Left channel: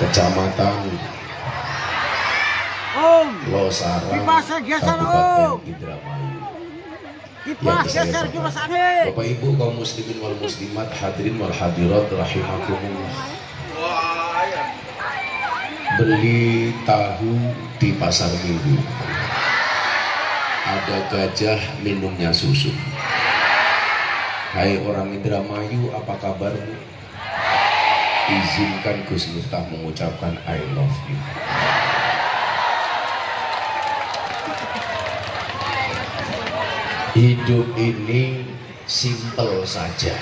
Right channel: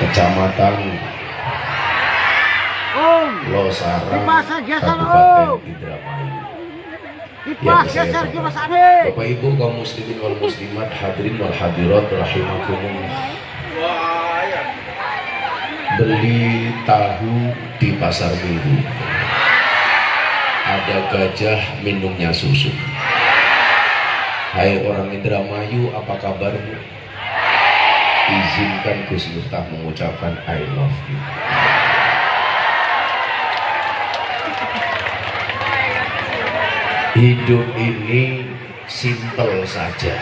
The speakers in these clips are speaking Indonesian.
Kecamatan Losarang, Kabupaten Indramayu. Yang saya hormati Bapak Ibu kaum muslimin wal muslimat, hadirin wal hadirat rahimakumullah. Beli tahu di pasar minggu, ada gajah minumnya susu. Hai orang Indramayu, apa kabarmu? Izinkan Gus Miftah mengucapkan I love you. Hidup ini simpel saja,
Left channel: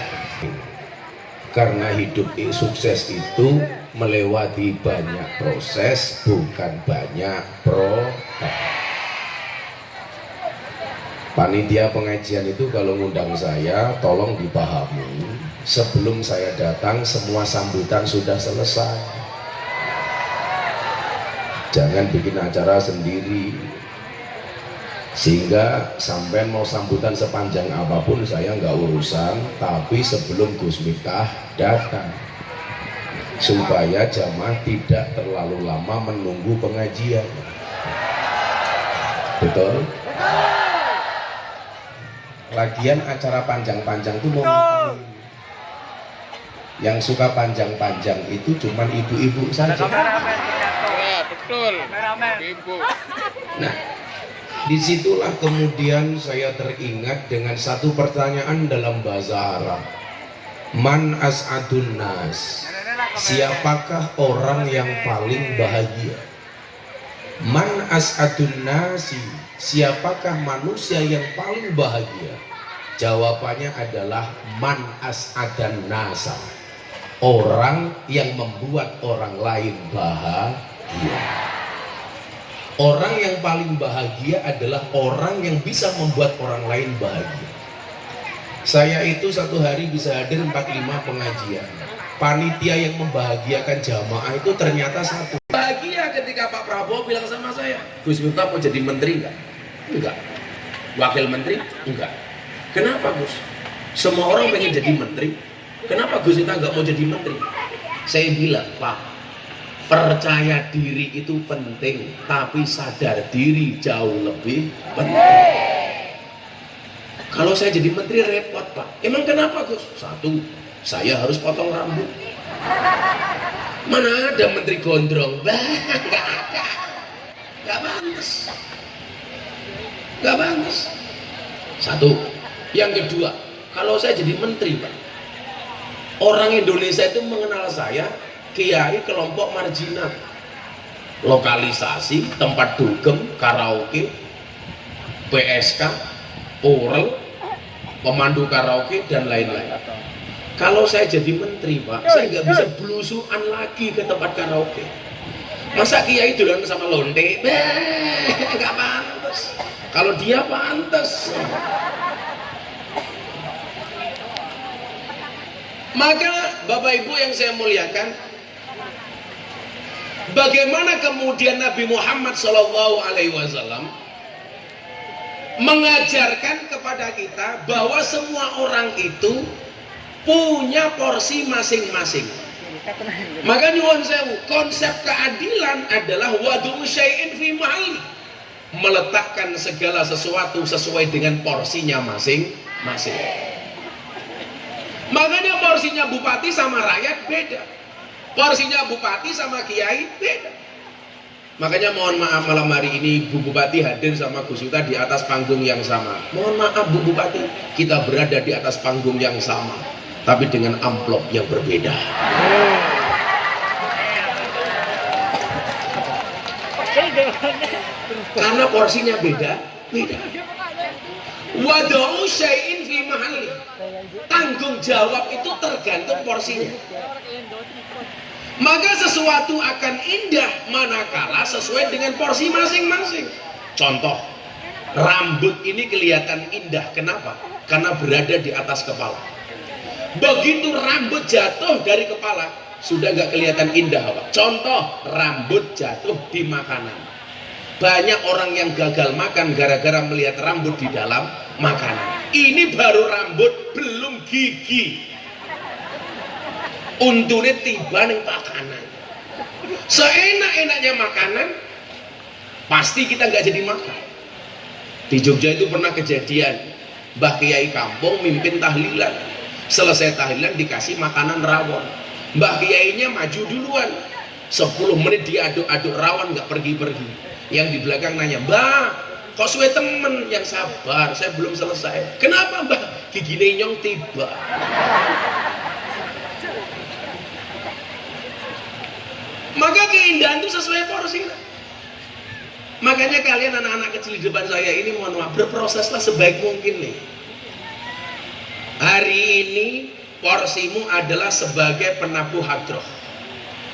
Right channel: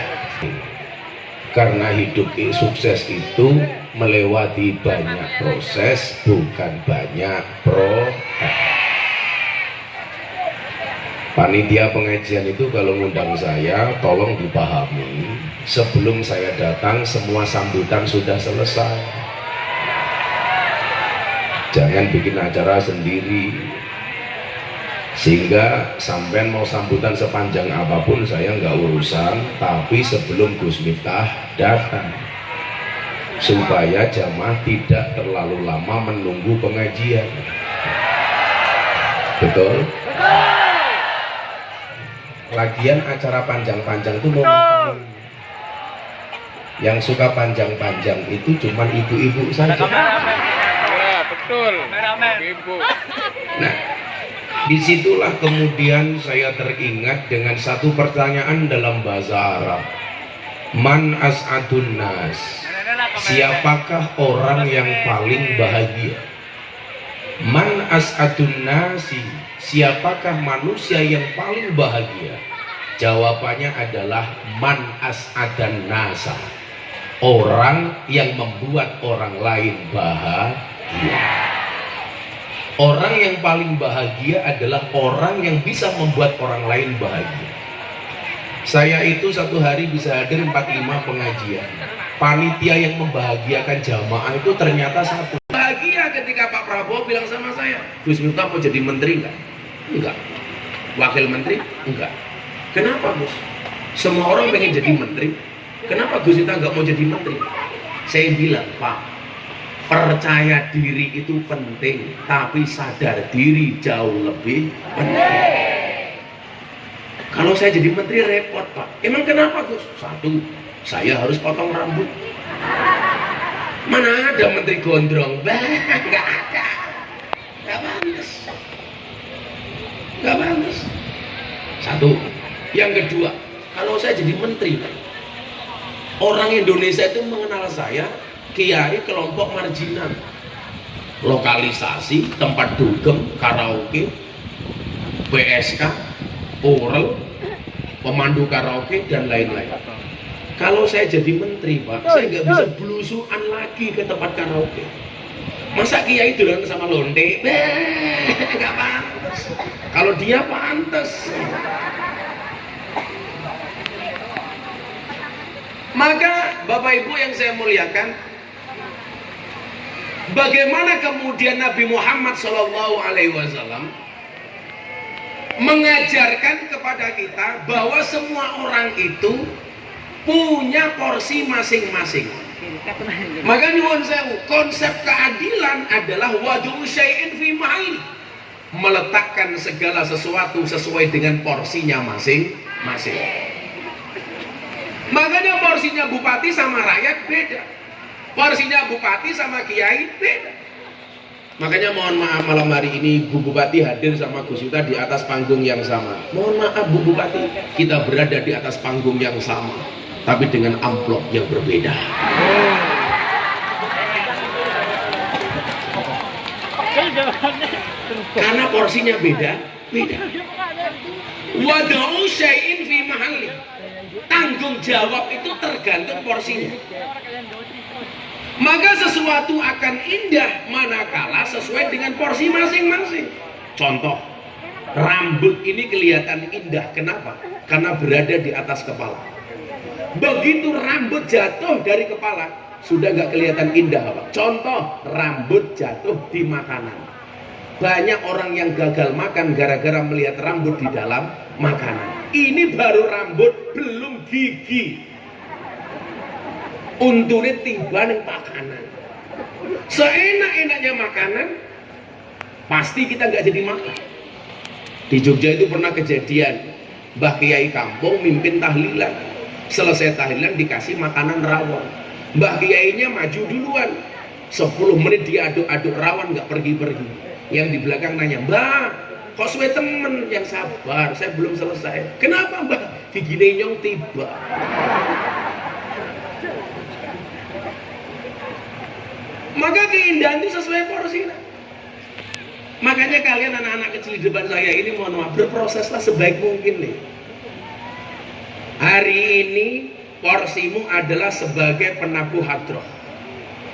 karena hidup sukses itu melewati banyak proses, bukan banyak proses. Panitia pengajian itu kalau ngundang saya, tolong dipahami, sebelum saya datang semua sambutan sudah selesai. Jangan bikin acara sendiri, sehingga sampai mau sambutan sepanjang apapun saya nggak urusan, tapi sebelum Gus Miftah datang, supaya jamaah tidak terlalu lama menunggu pengajian. Betul? Lagian acara panjang-panjang itu mau ngapain? Yang suka panjang-panjang itu cuma ibu-ibu saja. Ya, betul. Ibu. Nah, disitulah kemudian saya teringat dengan satu pertanyaan dalam bahasa Arab. Man as'adun nas? Siapakah orang yang paling bahagia? Man as'adun nasi? Siapakah manusia yang paling bahagia? Jawabannya adalah man as'adan nasa. Orang yang membuat orang lain bahagia. Orang yang paling bahagia adalah orang yang bisa membuat orang lain bahagia. Saya itu satu hari bisa hadir 45 pengajian. Panitia yang membahagiakan jamaah itu ternyata satu. Bahagia ketika Pak Prabowo bilang sama saya, Gus Miftah mau jadi menteri enggak? Enggak. Wakil menteri? Enggak. Kenapa Gus? Semua orang pengen jadi menteri. Kenapa Gus Miftah enggak mau jadi menteri? Saya bilang, Pak, percaya diri itu penting, tapi sadar diri jauh lebih penting. Kalau saya jadi menteri repot Pak. Emang kenapa Gus? Satu, saya harus potong rambut. Mana ada menteri gondrong? Bah, nggak ada. Nggak pantas. Nggak pantas. Satu. Yang kedua, kalau saya jadi menteri Pak, orang Indonesia itu mengenal saya kiai kelompok marginal, lokalisasi, tempat dugem, karaoke, PSK, oral, pemandu karaoke dan lain-lain. Kalau saya jadi menteri Pak, saya nggak bisa belusuan lagi ke tempat karaoke. Masa kiai dolan sama lonte? Nggak pantas. Kalau dia pantas. Maka Bapak Ibu yang saya muliakan, bagaimana kemudian Nabi Muhammad SAW mengajarkan kepada kita bahwa semua orang itu punya porsi masing-masing. Maka nyuwun sewu, konsep keadilan adalah wadu syai'in fi mahalli, meletakkan segala sesuatu sesuai dengan porsinya masing-masing. Makanya porsinya bupati sama rakyat beda, porsinya bupati sama kiai beda. Makanya mohon maaf malam hari ini Bu Bupati hadir sama Gus Miftah di atas panggung yang sama. Mohon maaf Bu Bupati, kita berada di atas panggung yang sama, tapi dengan amplop yang berbeda. Karena porsinya beda. Wada'u syai'in fi mahalli. Tanggung jawab itu tergantung porsinya. Maka sesuatu akan indah manakala sesuai dengan porsi masing-masing. Contoh, rambut ini kelihatan indah. Kenapa? Karena berada di atas kepala. Begitu rambut jatuh dari kepala, sudah nggak kelihatan indah Pak. Contoh, rambut jatuh di makanan. Banyak orang yang gagal makan gara-gara melihat rambut di dalam makanan. Ini baru rambut, belum gigi. Untune tiba nang pakanan. Seenak-enaknya makanan, pasti kita nggak jadi makan. Di Jogja itu pernah kejadian, Mbah Kiai kampung mimpin tahlilan. Selesai tahlilan dikasih makanan rawon. Mbah Kiainya maju duluan. 10 menit diaduk-aduk rawon nggak pergi-pergi. Yang di belakang nanya, "Mbah, kok suwe temen?" Yang sabar, saya belum selesai. "Kenapa, Mbah?" "Gigine nyong tiba." Maka keindahan itu sesuai porsi. Makanya kalian anak-anak kecil di depan saya ini, mohon maaf, berproseslah sebaik mungkin nih. Hari ini porsimu adalah sebagai penabuh hadroh.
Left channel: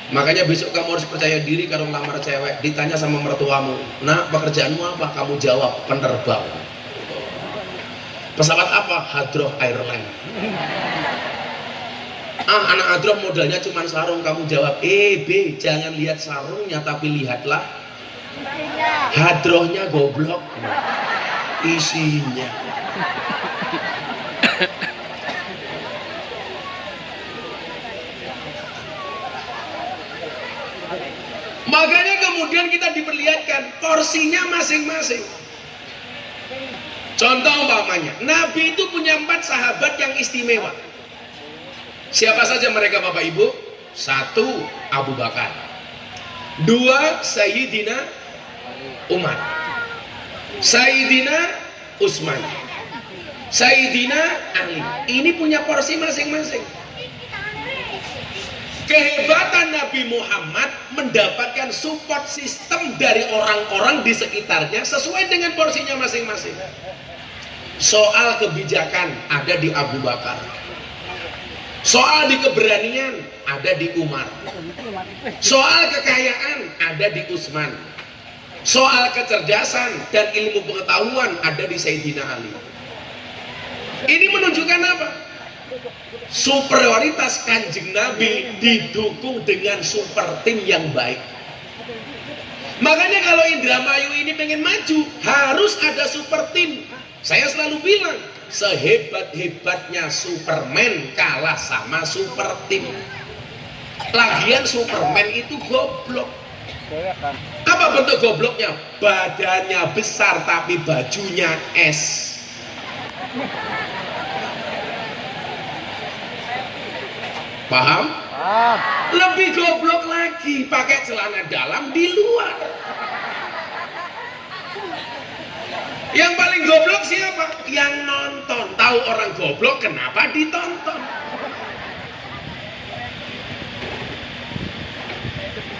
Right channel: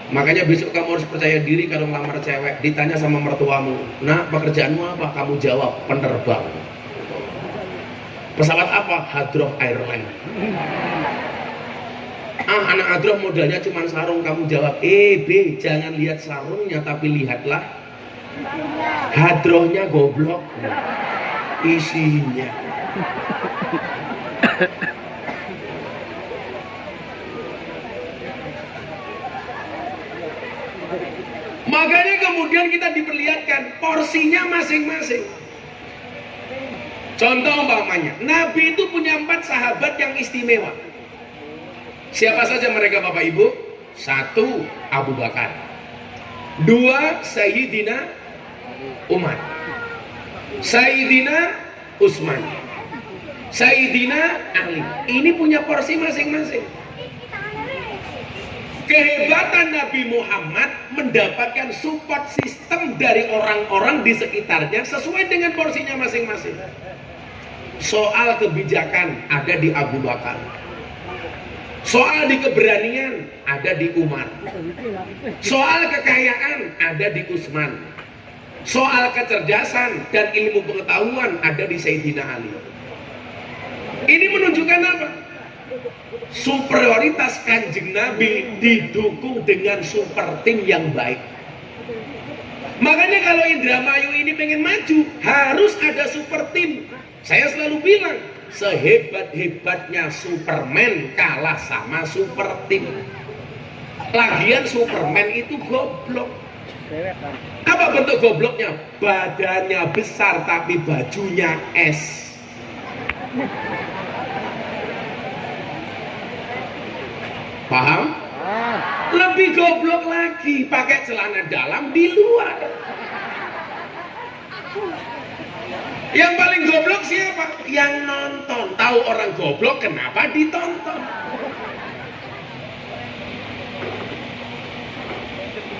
Makanya besok kamu harus percaya diri kalau ngelamar cewek. Ditanya sama mertuamu, "Nak, pekerjaanmu apa?" Kamu jawab, "Penerbang." "Pesawat apa?" "Hadroh Airline." "Ah, anak hadroh modalnya cuma sarung." Kamu jawab, B, jangan lihat sarungnya tapi lihatlah hadrohnya, goblok, isinya. Makanya kemudian kita diperlihatkan porsinya masing-masing. Contoh umpamanya, Nabi itu punya 4 sahabat yang istimewa. Siapa saja mereka Bapak Ibu? 1, Abu Bakar. 2, Sayyidina Umar. Sayyidina Utsman. Sayyidina Ali. Ini punya porsi masing-masing. Kehebatan Nabi Muhammad mendapatkan support sistem dari orang-orang di sekitarnya sesuai dengan porsinya masing-masing. Soal kebijakan ada di Abu Bakar. Soal di keberanian ada di Umar. Soal kekayaan ada di Utsman. Soal kecerdasan dan ilmu pengetahuan ada di Sayyidina Ali. Ini menunjukkan apa? Superioritas Kanjeng Nabi didukung dengan super tim yang baik. Makanya kalau Indramayu ini pengen maju, harus ada super tim. Saya selalu bilang, sehebat-hebatnya Superman kalah sama super tim. Lagian Superman itu goblok. Apa bentuk gobloknya? Badannya besar tapi bajunya es. Paham? Lebih goblok lagi, pakai celana dalam di luar. Yang paling goblok siapa? Yang nonton. Tahu orang goblok kenapa ditonton?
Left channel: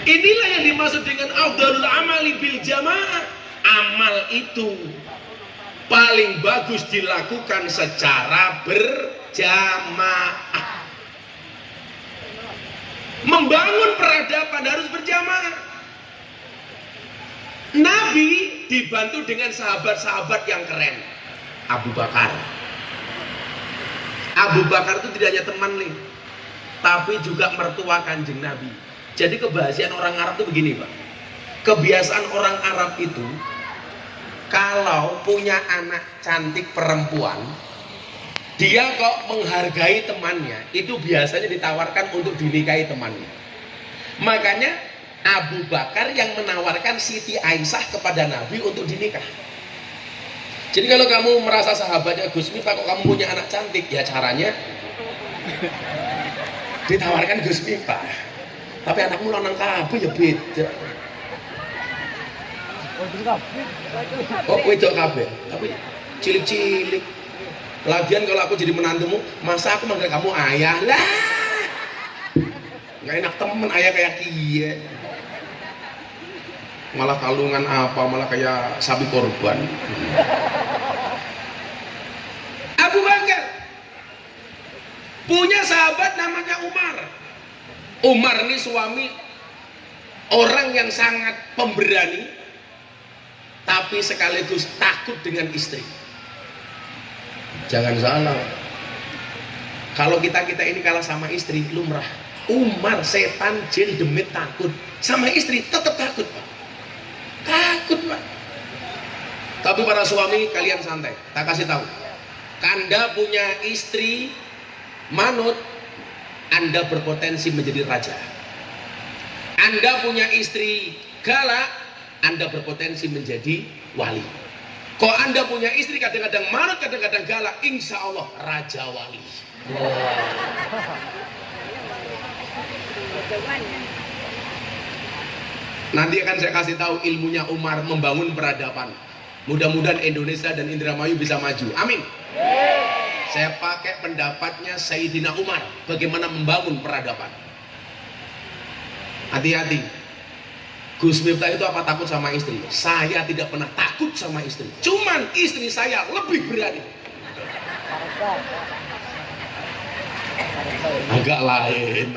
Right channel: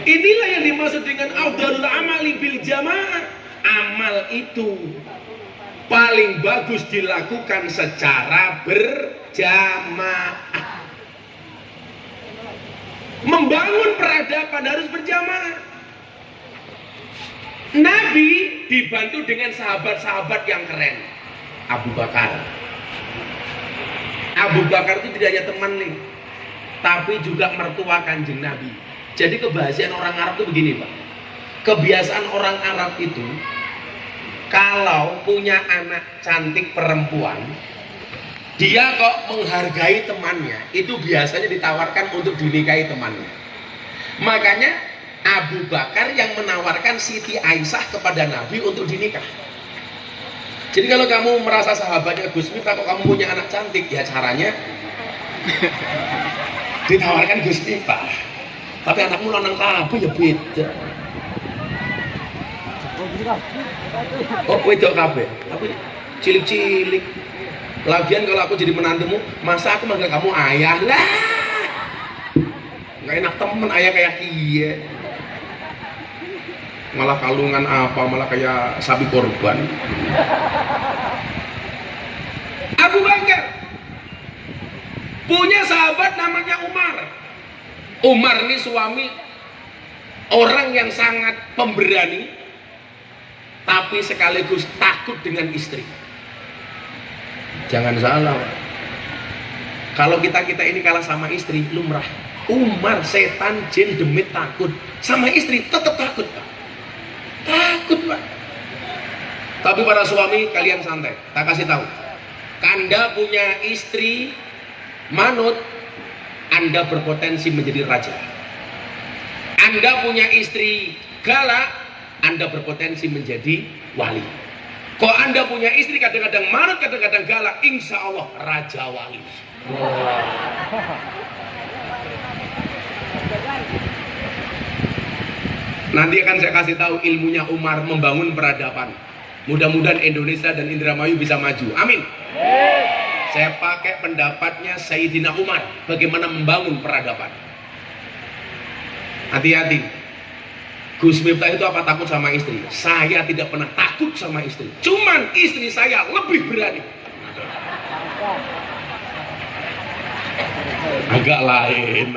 Inilah yang dimaksud dengan afdhalul amali bil jamaah. Amal itu paling bagus dilakukan secara berjamaah. Membangun peradaban harus berjamaah. Nabi dibantu dengan sahabat-sahabat yang keren. Abu Bakar. Abu Bakar itu tidak hanya teman nih, tapi juga mertua Kanjeng Nabi. Jadi kebiasaan orang Arab itu begini, Pak. Kebiasaan orang Arab itu kalau punya anak cantik perempuan, dia kok menghargai temannya, itu biasanya ditawarkan untuk dinikahi temannya. Makanya Abu Bakar yang menawarkan Siti Aisyah kepada Nabi untuk dinikah. Jadi kalau kamu merasa sahabatnya Gus Miftah, kok kamu punya anak cantik, ya caranya ditawarkan Gus Miftah. Tapi anakmu lanang kabeh ya beda. Oh, wedok kabeh, tapi cilik-cilik. Lagian kalau aku jadi menantumu, masa aku manggil kamu ayah lah? Nggak enak temen ayah kayak kia. Malah kalungan apa, malah kayak sapi korban. Abu Bakar punya sahabat namanya Umar. Umar ini suami orang yang sangat pemberani, tapi sekaligus takut dengan istri. Jangan salah, kalau kita ini kalah sama istri, lumrah. Umar setan jin demit takut sama istri, tetap takut, Pak. Takut, Pak. Tapi para suami kalian santai, tak kasih tahu. Anda punya istri manut, Anda berpotensi menjadi raja. Anda punya istri galak, Anda berpotensi menjadi wali. Kalau Anda punya istri kadang-kadang manut, kadang-kadang galak, insya Allah raja wali. Nanti akan saya kasih tahu ilmunya Umar membangun peradaban. Mudah-mudahan Indonesia dan Indramayu bisa maju. Amin. Saya pakai pendapatnya Sayyidina Umar bagaimana membangun peradaban. Hati-hati. Gus Miftah itu apa takut sama istri? Saya tidak pernah takut sama istri. Cuman istri saya lebih berani. Agak lain.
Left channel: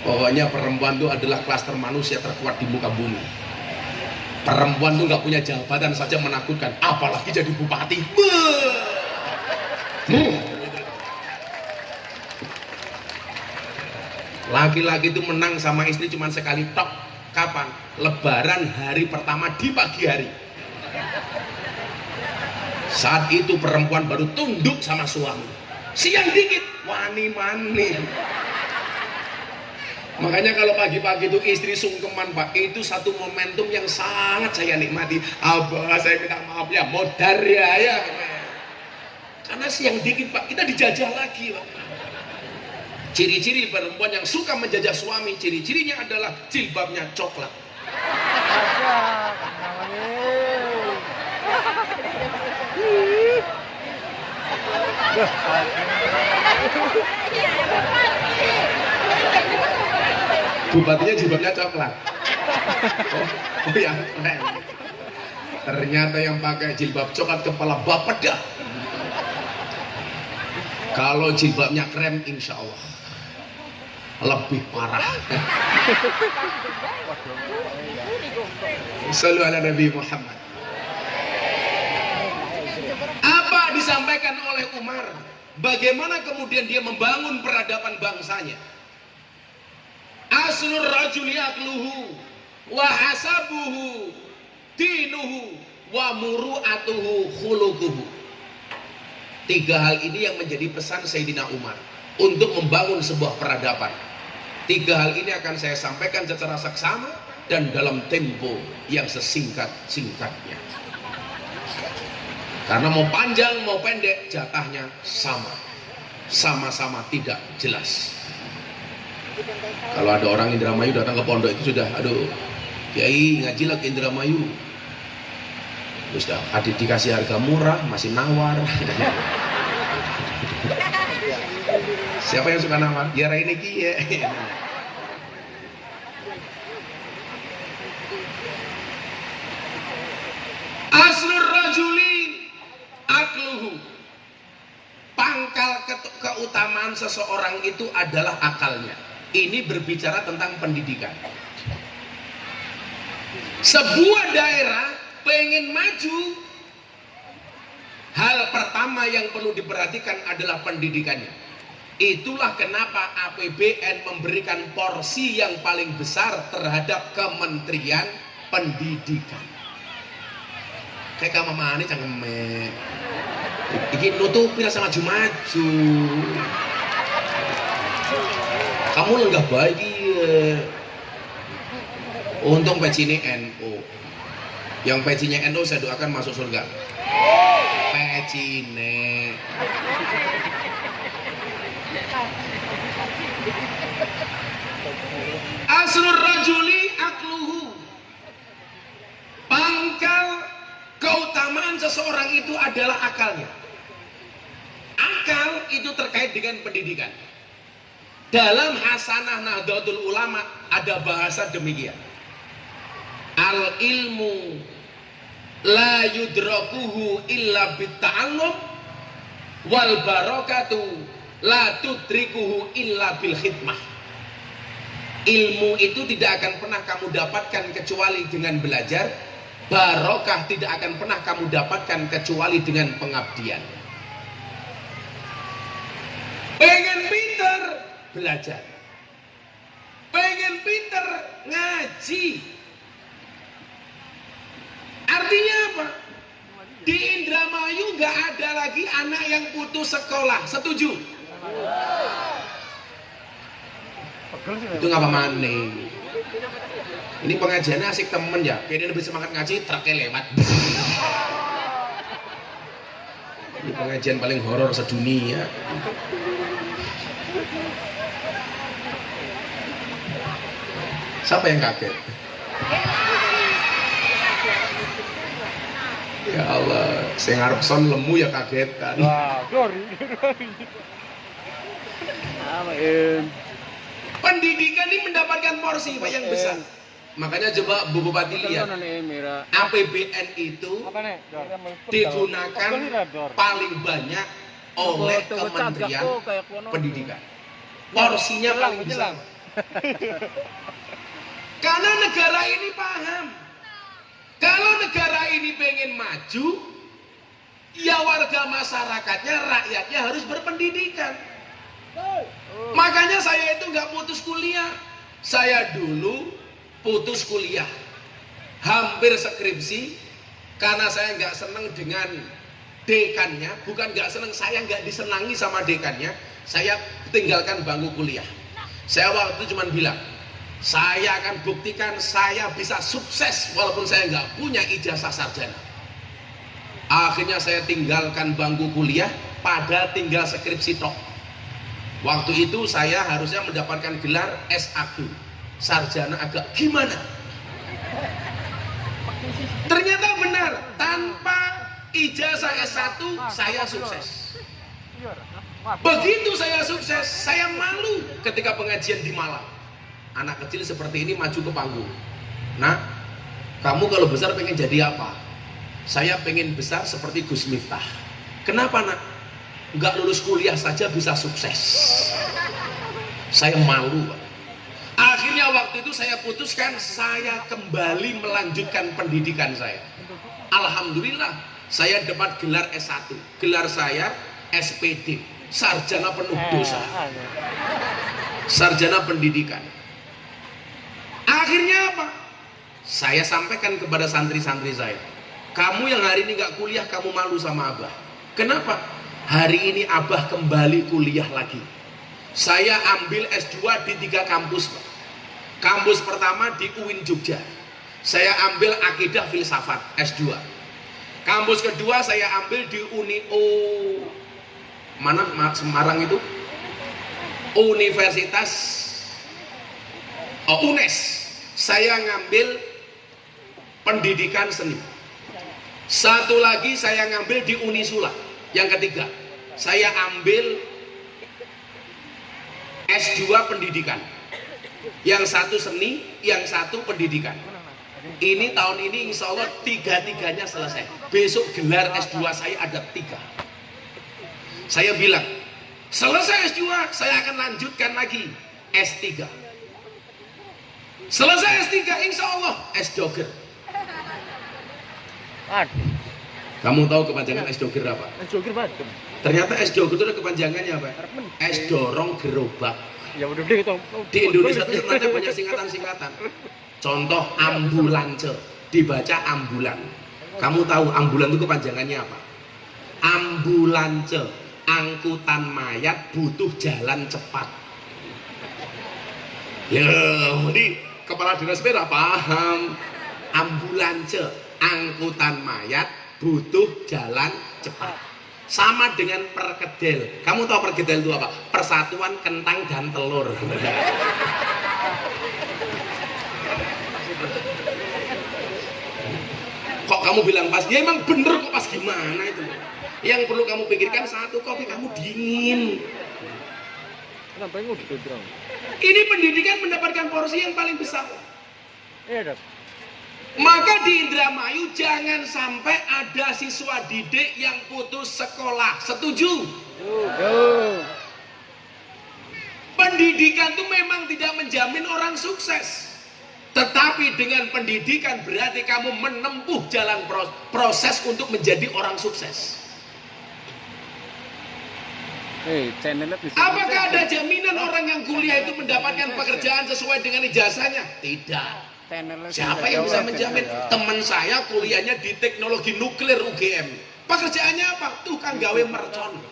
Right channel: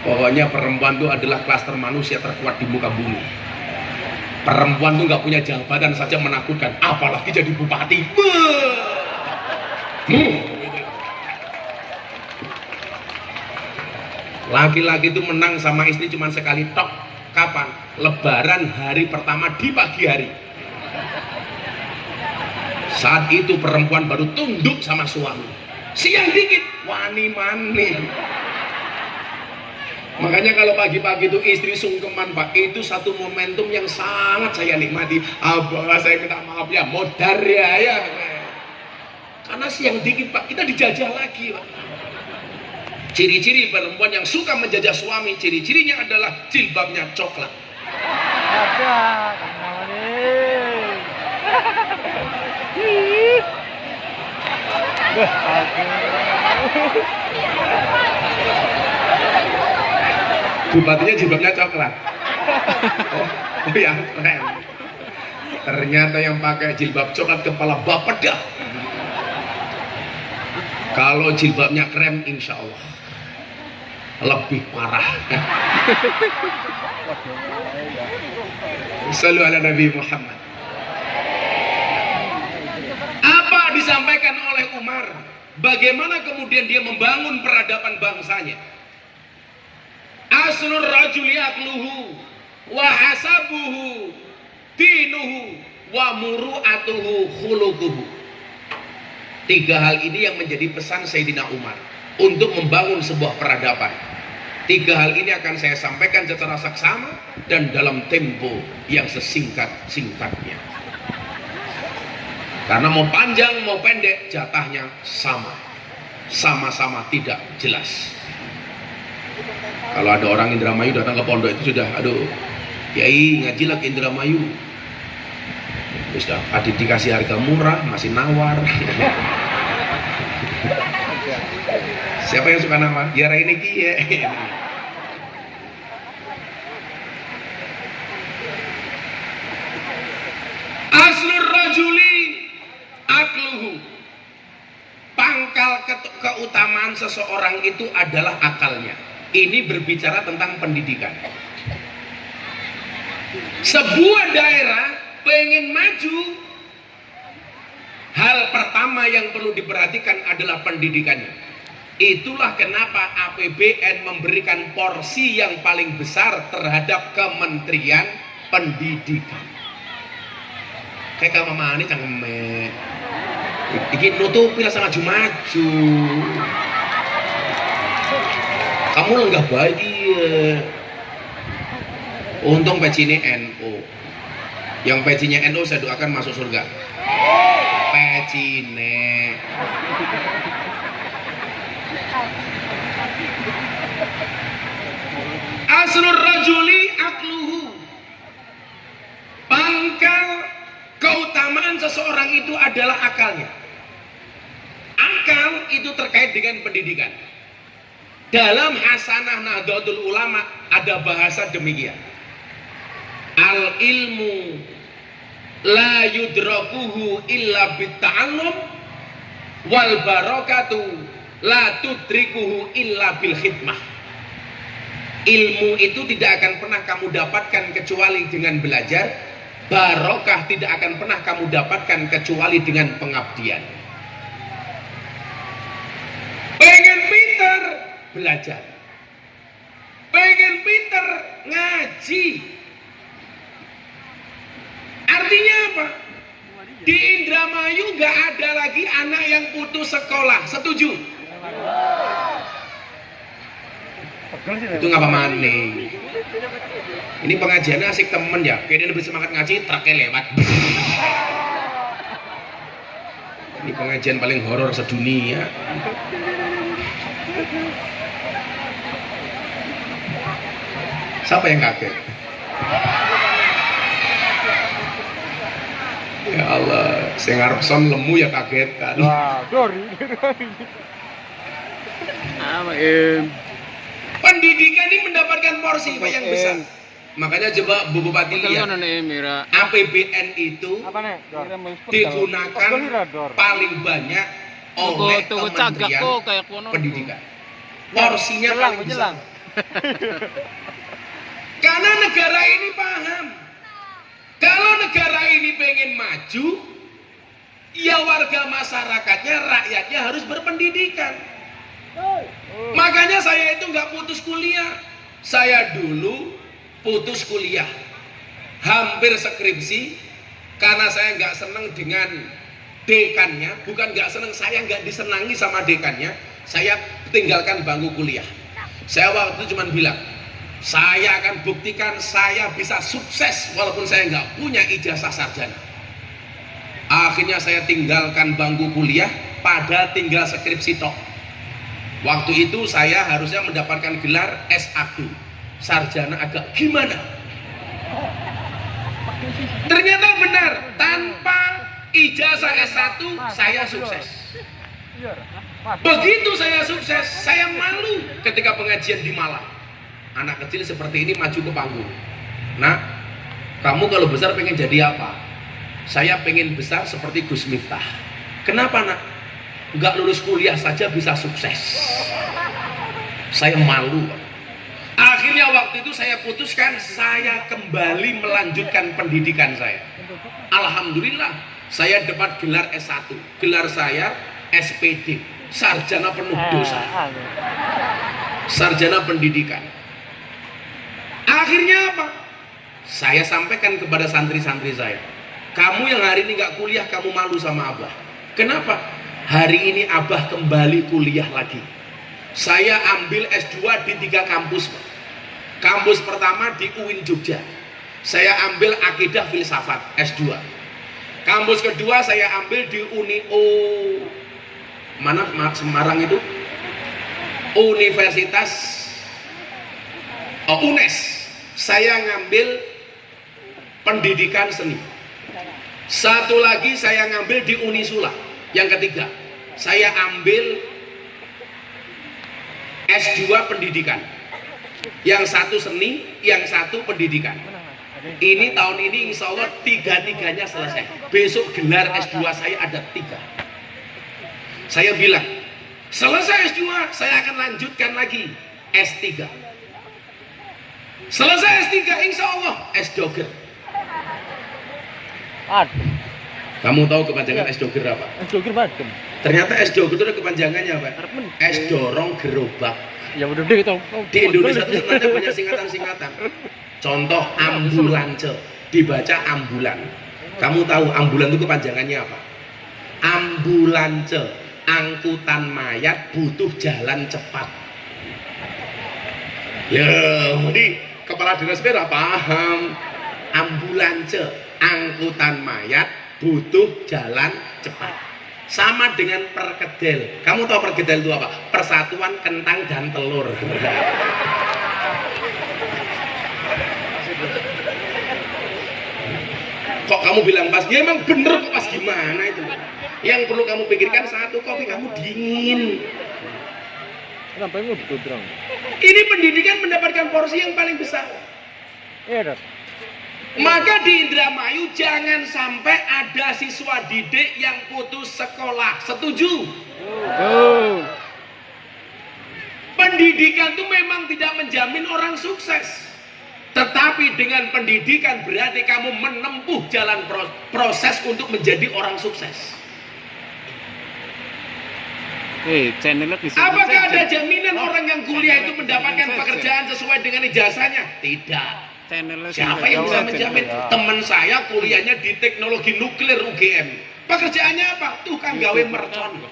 Pokoknya perempuan itu adalah klaster manusia terkuat di muka bumi. Perempuan itu nggak punya jabatan saja menakutkan, apalagi jadi bupati. Laki-laki itu menang sama istri cuma sekali tok. Kapan? Lebaran hari pertama di pagi hari. Saat itu perempuan baru tunduk sama suami. Siang dikit, wani-mani. Makanya kalau pagi-pagi itu istri sungkeman Pak, itu satu momentum yang sangat saya nikmati. Abah, saya minta maaf ya, modar ya. Karena siang dikit Pak, kita dijajah lagi Pak. Ciri-ciri perempuan yang suka menjajah suami, ciri-cirinya adalah jilbabnya coklat. Ada, kenapa nih? Bupatinya jilbabnya coklat. Oh ya, keren. Ternyata yang pakai jilbab coklat kepala bapedah. Kalau jilbabnya krem, insya Allah lebih parah. Sallu ala Nabi Muhammad. Apa disampaikan oleh Umar? Bagaimana kemudian dia membangun peradaban bangsanya? Aslur rajuli akluhu wa hasabuhu dinuhu wa muru'atuhu khuluquhu. Tiga hal ini yang menjadi pesan Sayyidina Umar untuk membangun sebuah peradaban. Tiga hal ini akan saya sampaikan secara saksama dan dalam tempo yang sesingkat-singkatnya. Karena mau panjang mau pendek jatahnya sama-sama tidak jelas. Kalau ada orang Indramayu datang ke pondok itu sudah, aduh, Kiai ngaji lagi Indramayu. Sudah, adik dikasih harga murah, masih nawar. Siapa yang suka nawar? Ya ini Kiai. Aslur rajuli akluhu. Pangkal keutamaan seseorang itu adalah akalnya. Ini berbicara tentang pendidikan. Sebuah daerah pengen maju, hal pertama yang perlu diperhatikan adalah pendidikannya. Itulah kenapa APBN memberikan porsi yang paling besar terhadap Kementerian Pendidikan. Kayak kamu mani cangkemek. Iki nutupi rasa maju-maju. Kamu lenggah bayi. Untung pecinya NU. Yang pecinya NU saya doakan masuk surga. Pecine. Asrul rajuli akluhu. Pangkal keutamaan seseorang itu adalah akalnya. Akal itu terkait dengan pendidikan. Dalam Hasanah Nahdlatul Ulama ada bahasa demikian. Al ilmu la yudrakuhu illa bitta'allum wal barakatu la tudrikuhu illa bil khidmah. Ilmu itu tidak akan pernah kamu dapatkan kecuali dengan belajar. Barokah tidak akan pernah kamu dapatkan kecuali dengan pengabdian. Pengen pinter, belajar. Pengen pinter, ngaji. Artinya apa? Di Indramayu gak ada lagi anak yang putus sekolah. Setuju? Itu ngapa maning? Ini pengajiannya asik temen ya. Kayaknya lebih semangat ngaji, truknya lewat. Ini pengajian paling horor sedunia. Siapa yang kaget? Ya Allah, saya ngarep son lemu ya kaget kan. Wah, Dori. Pendidikan ini mendapatkan porsi yang besar. Makanya coba Bu Bupati lihat, APBN itu Apa nih? digunakan paling banyak oleh Kementerian Pendidikan. Porsinya paling besar. Karena negara ini paham, kalau negara ini pengen maju, ya warga masyarakatnya, rakyatnya harus berpendidikan. Makanya saya itu nggak putus kuliah. Saya dulu putus kuliah, hampir skripsi, karena saya nggak senang dengan dekannya. Bukan nggak senang, saya nggak disenangi sama dekannya. Saya tinggalkan bangku kuliah. Saya waktu itu cuma bilang, saya akan buktikan saya bisa sukses walaupun saya nggak punya ijazah sarjana. Akhirnya saya tinggalkan bangku kuliah, padahal tinggal skripsi tok. Waktu itu saya harusnya mendapatkan gelar S1, sarjana agak gimana? Ternyata benar, tanpa ijazah S1 saya sukses. Begitu saya sukses, saya malu ketika pengajian di Malang. Anak kecil seperti ini maju ke panggung. Nah, kamu kalau besar pengen jadi apa? Saya pengen besar seperti Gus Miftah. Kenapa nak? Nggak lulus kuliah saja bisa sukses. Saya malu. Akhirnya waktu itu saya putuskan saya kembali melanjutkan pendidikan saya. Alhamdulillah saya dapat gelar S1. Gelar saya SPD, sarjana penuh dosa. Sarjana pendidikan. Akhirnya apa? Saya sampaikan kepada santri-santri saya, kamu yang hari ini nggak kuliah, kamu malu sama Abah. Kenapa? Hari ini Abah kembali kuliah lagi. Saya ambil S2 di 3 kampus. Kampus pertama di UIN Jogja. Saya ambil Akidah Filsafat S2. Kampus kedua saya ambil di mana Semarang itu? Universitas UNES. Saya ngambil pendidikan seni. Satu lagi saya ngambil di Unisula. Yang ketiga, saya ambil S2 pendidikan. Yang satu seni, yang satu pendidikan. Ini tahun ini insya Allah 3-tiganya selesai. Besok gelar S2 saya ada 3. Saya bilang, selesai S2 saya akan lanjutkan lagi S3. Selesai S3 insya Allah S-Dogger. Kamu tahu kepanjangan S-Dogger apa? S-Dogger Badem. Ternyata S-Dogger itu kepanjangannya apa? S dorong gerobak. Ya udah deh itu. Di Indonesia itu sebenarnya banyak singkatan-singkatan. Contoh ambulance, dibaca ambulan. Kamu tahu ambulan itu kepanjangannya apa? Ambulance, angkutan mayat butuh jalan cepat. Ya, jadi kepala dinas tidak paham. Ambulance, angkutan mayat butuh jalan cepat. Sama dengan perkedel. Kamu tahu perkedel itu apa? Persatuan kentang dan telur. Kok kamu bilang pas? Ya emang bener kok pas, gimana itu? Yang perlu kamu pikirkan satu, kopi kamu dingin. Ini pendidikan mendapatkan porsi yang paling besar. Iya, Dok. Maka di Indramayu jangan sampai ada siswa didik yang putus sekolah. Setuju? Pendidikan itu memang tidak menjamin orang sukses. Tetapi dengan pendidikan berarti kamu menempuh jalan proses untuk menjadi orang sukses. Apakah ada jaminan orang yang kuliah itu mendapatkan pekerjaan sesuai dengan ijazahnya? Tidak. Siapa yang bisa menjamin? Teman saya kuliahnya di teknologi nuklir UGM. Pekerjaannya apa? Tukang gawe mercon.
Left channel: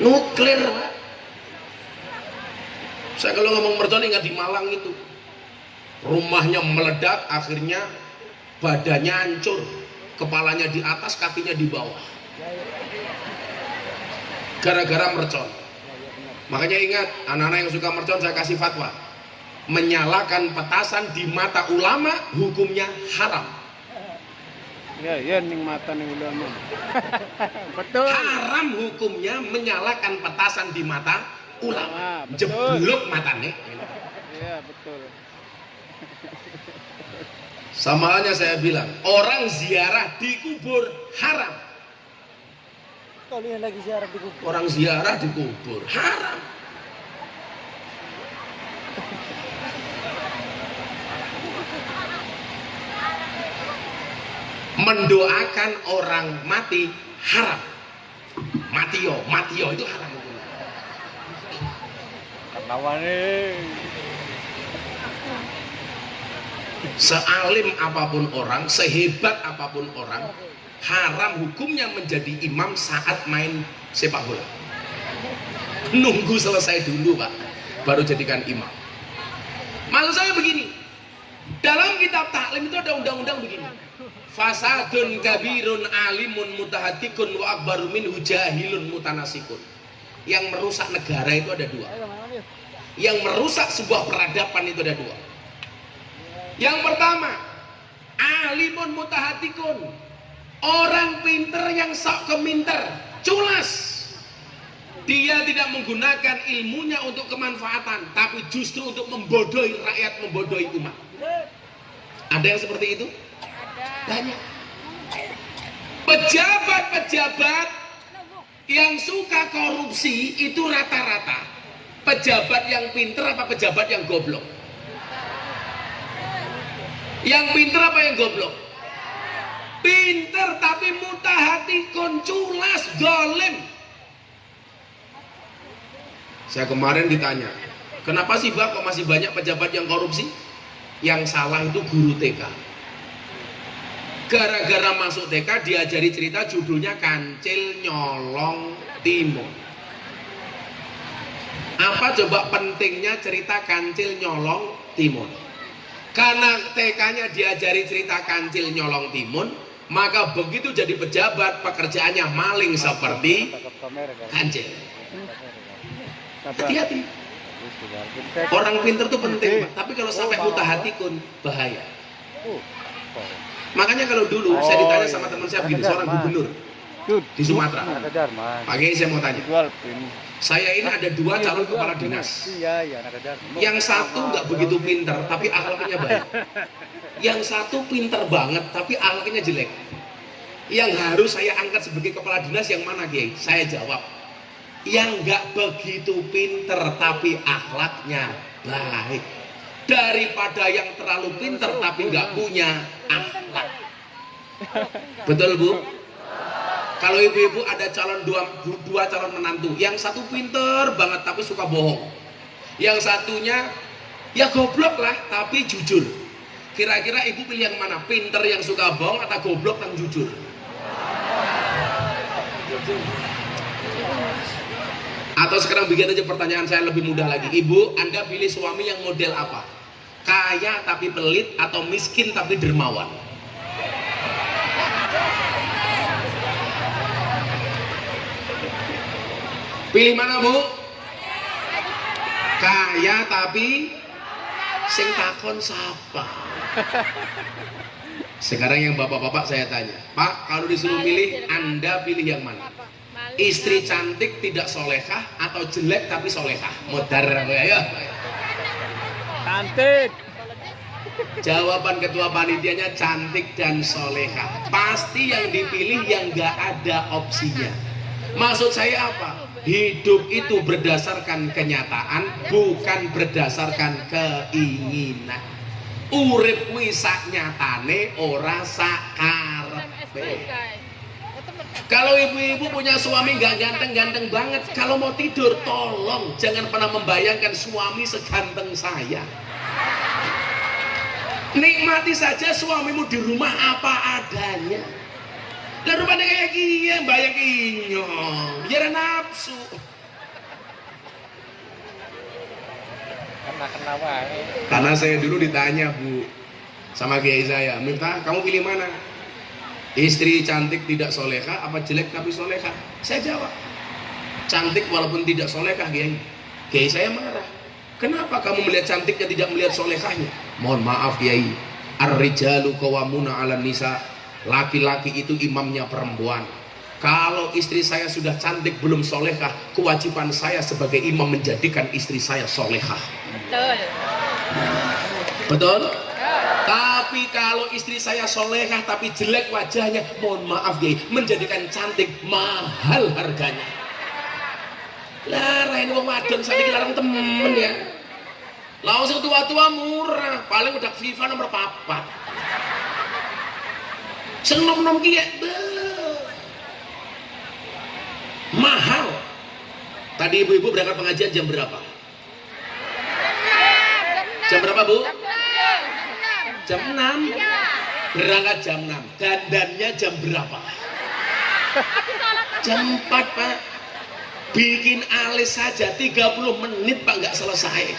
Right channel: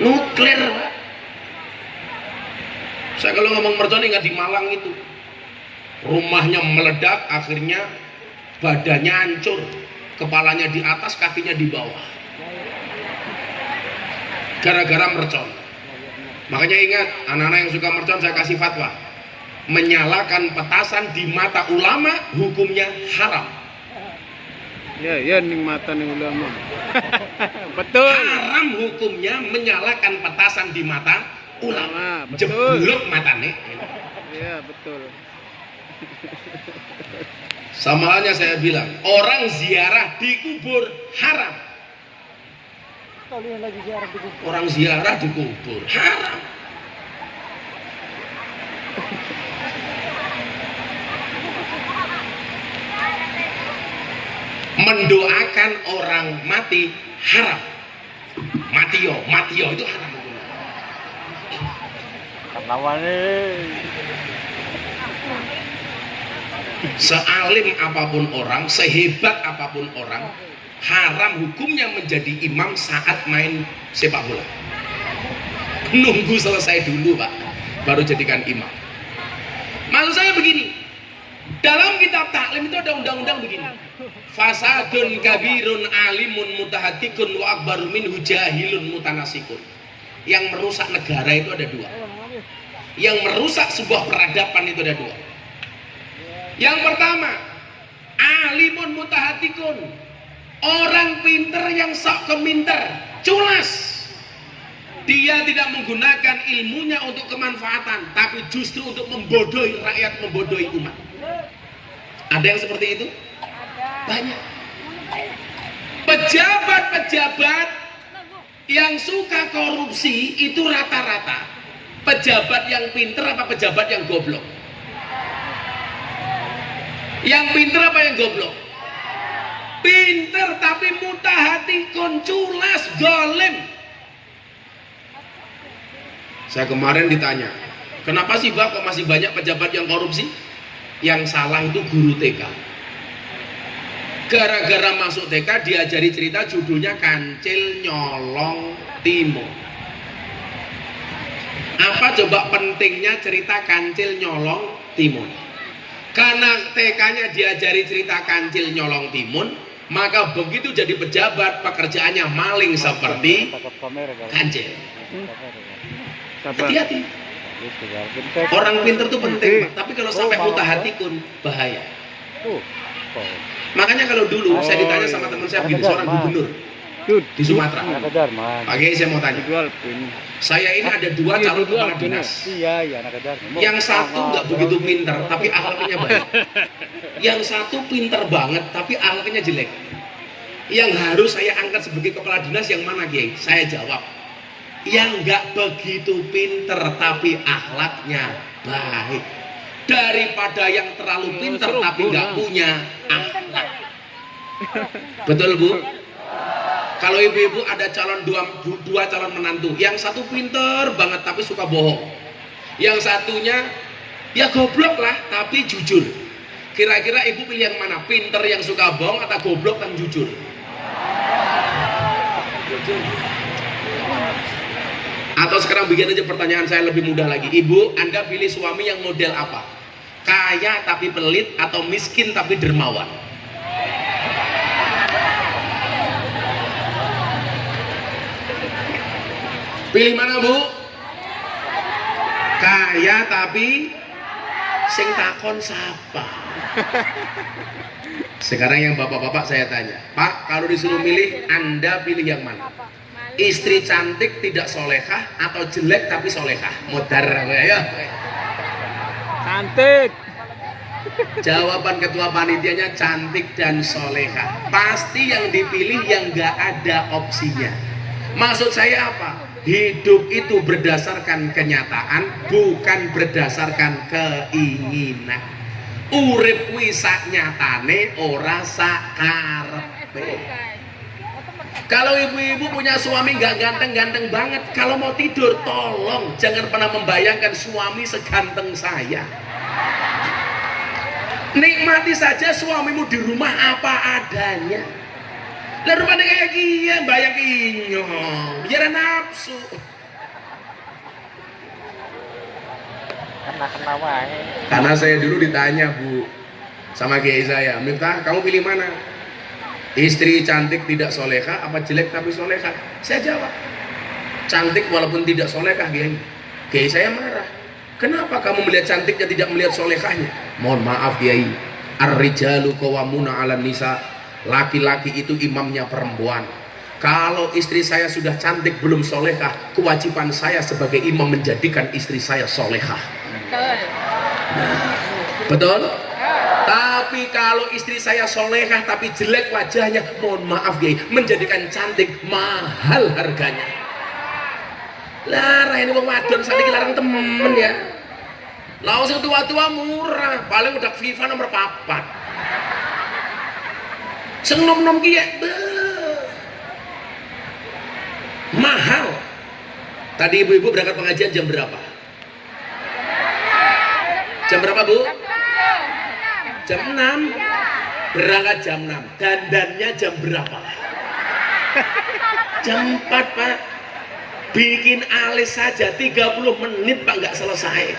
Nuklir. Saya kalau ngomong mercon ingat di Malang itu, rumahnya meledak, akhirnya badannya hancur, kepalanya di atas, kakinya di bawah, gara-gara mercon. Makanya ingat, anak-anak yang suka mercon saya kasih fatwa, menyalakan petasan di mata ulama hukumnya haram. Ya, ya ning mata ning ulama. Betul. Haram hukumnya menyalakan petasan di mata ulama. Betul. Jeblok matane. Iya, betul. Sama halnya saya bilang, orang ziarah di kubur haram. Kalian lagi ziarah di kubur. Orang ziarah di kubur haram. Mendoakan orang mati haram. Matio itu haram. Kawane. Sealim apapun orang, sehebat apapun orang, haram hukumnya menjadi imam saat main sepak bola. Nunggu selesai dulu Pak, baru jadikan imam. Maksud saya begini, dalam kitab taklim itu ada undang-undang begini, fasadun kabirun alimun mutahatikun wa akbaru minhu jahilun mutanasikun. Yang merusak negara itu ada dua, yang merusak sebuah peradaban itu ada dua. Yang pertama, alimun mutahatikun, orang pinter yang sok keminter, culas. Dia tidak menggunakan ilmunya untuk kemanfaatan, tapi justru untuk membodohi rakyat, membodohi umat. Ada yang seperti itu? Banyak. Pejabat-pejabat yang suka korupsi itu rata-rata pejabat yang pinter apa pejabat yang goblok? Yang pinter apa yang goblok? Pinter tapi mutahatikun, culas, dolim. Saya kemarin ditanya, kenapa sih Pak kok masih banyak pejabat yang korupsi? Yang salah itu guru TK. Gara-gara masuk TK diajari cerita judulnya Kancil Nyolong Timun. Apa coba pentingnya cerita Kancil Nyolong Timun? Karena TK-nya diajari cerita Kancil Nyolong Timun, maka begitu jadi pejabat pekerjaannya maling seperti Kancil. Hati-hati. Orang pinter itu penting, tapi kalau sampai mutahatikun bahaya. Makanya kalau dulu saya ditanya sama teman saya begini, seorang gubernur di Sumatera. Pak Kiai, saya mau tanya. Saya ini ada dua calon kepala dinas. Yang satu nggak begitu pinter, tapi akhlaknya baik. Yang satu pinter banget, tapi akhlaknya jelek. Yang harus saya angkat sebagai kepala dinas yang mana, Kiai? Saya jawab, yang nggak begitu pinter, tapi akhlaknya baik. Daripada yang terlalu pinter, tapi nggak punya akhlak. Betul Bu? Kalau ibu-ibu ada dua calon menantu, yang satu pinter banget tapi suka bohong, yang satunya ya goblok lah tapi jujur. Kira-kira ibu pilih yang mana? Pinter yang suka bohong atau goblok yang jujur? Atau sekarang bikin aja pertanyaan saya lebih mudah lagi. Ibu, Anda pilih suami yang model apa? Kaya tapi pelit atau miskin tapi dermawan? Pilih mana Bu? Kaya tapi sing takon siapa? Sekarang yang bapak-bapak saya tanya, Pak, kalau disuruh milih, Anda pilih yang mana? Istri cantik tidak solehah atau jelek tapi solehah? Modar ya. Cantik. Jawaban ketua panitianya cantik dan solehah. Pasti yang dipilih yang nggak ada opsinya. Maksud saya apa? Hidup itu berdasarkan kenyataan, bukan berdasarkan keinginan. Urip kuwi sak nyatane, ora sak karepe. Kalau ibu-ibu punya suami nggak ganteng-ganteng banget, kalau mau tidur tolong jangan pernah membayangkan suami seganteng saya. Nikmati saja suamimu di rumah apa adanya. Lah rupanya kayak gini, bayang inyong, biar nafsu. Kena wae. Karena saya dulu ditanya Bu sama kiai saya, Miftah kamu pilih mana? Istri cantik tidak solehah apa jelek tapi solehah? Saya jawab, cantik walaupun tidak solehah kiai. Kiai saya marah. Kenapa kamu melihat cantiknya tidak melihat solehahnya? Mohon maaf kiai, ar-rijalu qawwamuna 'alan nisa. Laki-laki itu imamnya perempuan. Kalau istri saya sudah cantik belum solehah, kewajiban saya sebagai imam menjadikan istri saya solehah. Betul. Betul? Tapi kalau istri saya solehah tapi jelek wajahnya, mohon maaf Kiai, menjadikan cantik mahal harganya. Lah, ini wong wadon sakniki larang temen ya. Lah sing tua-tua murah, paling udah FIFA nomor 4. Sing nom-nom ki ya mahal. Tadi ibu-ibu berangkat pengajian jam berapa? Jam berapa Bu? Jam 6. Berangkat jam 6. Dandannya jam berapa? Jam 4 Pak. Bikin alis saja 30 menit Pak nggak selesai.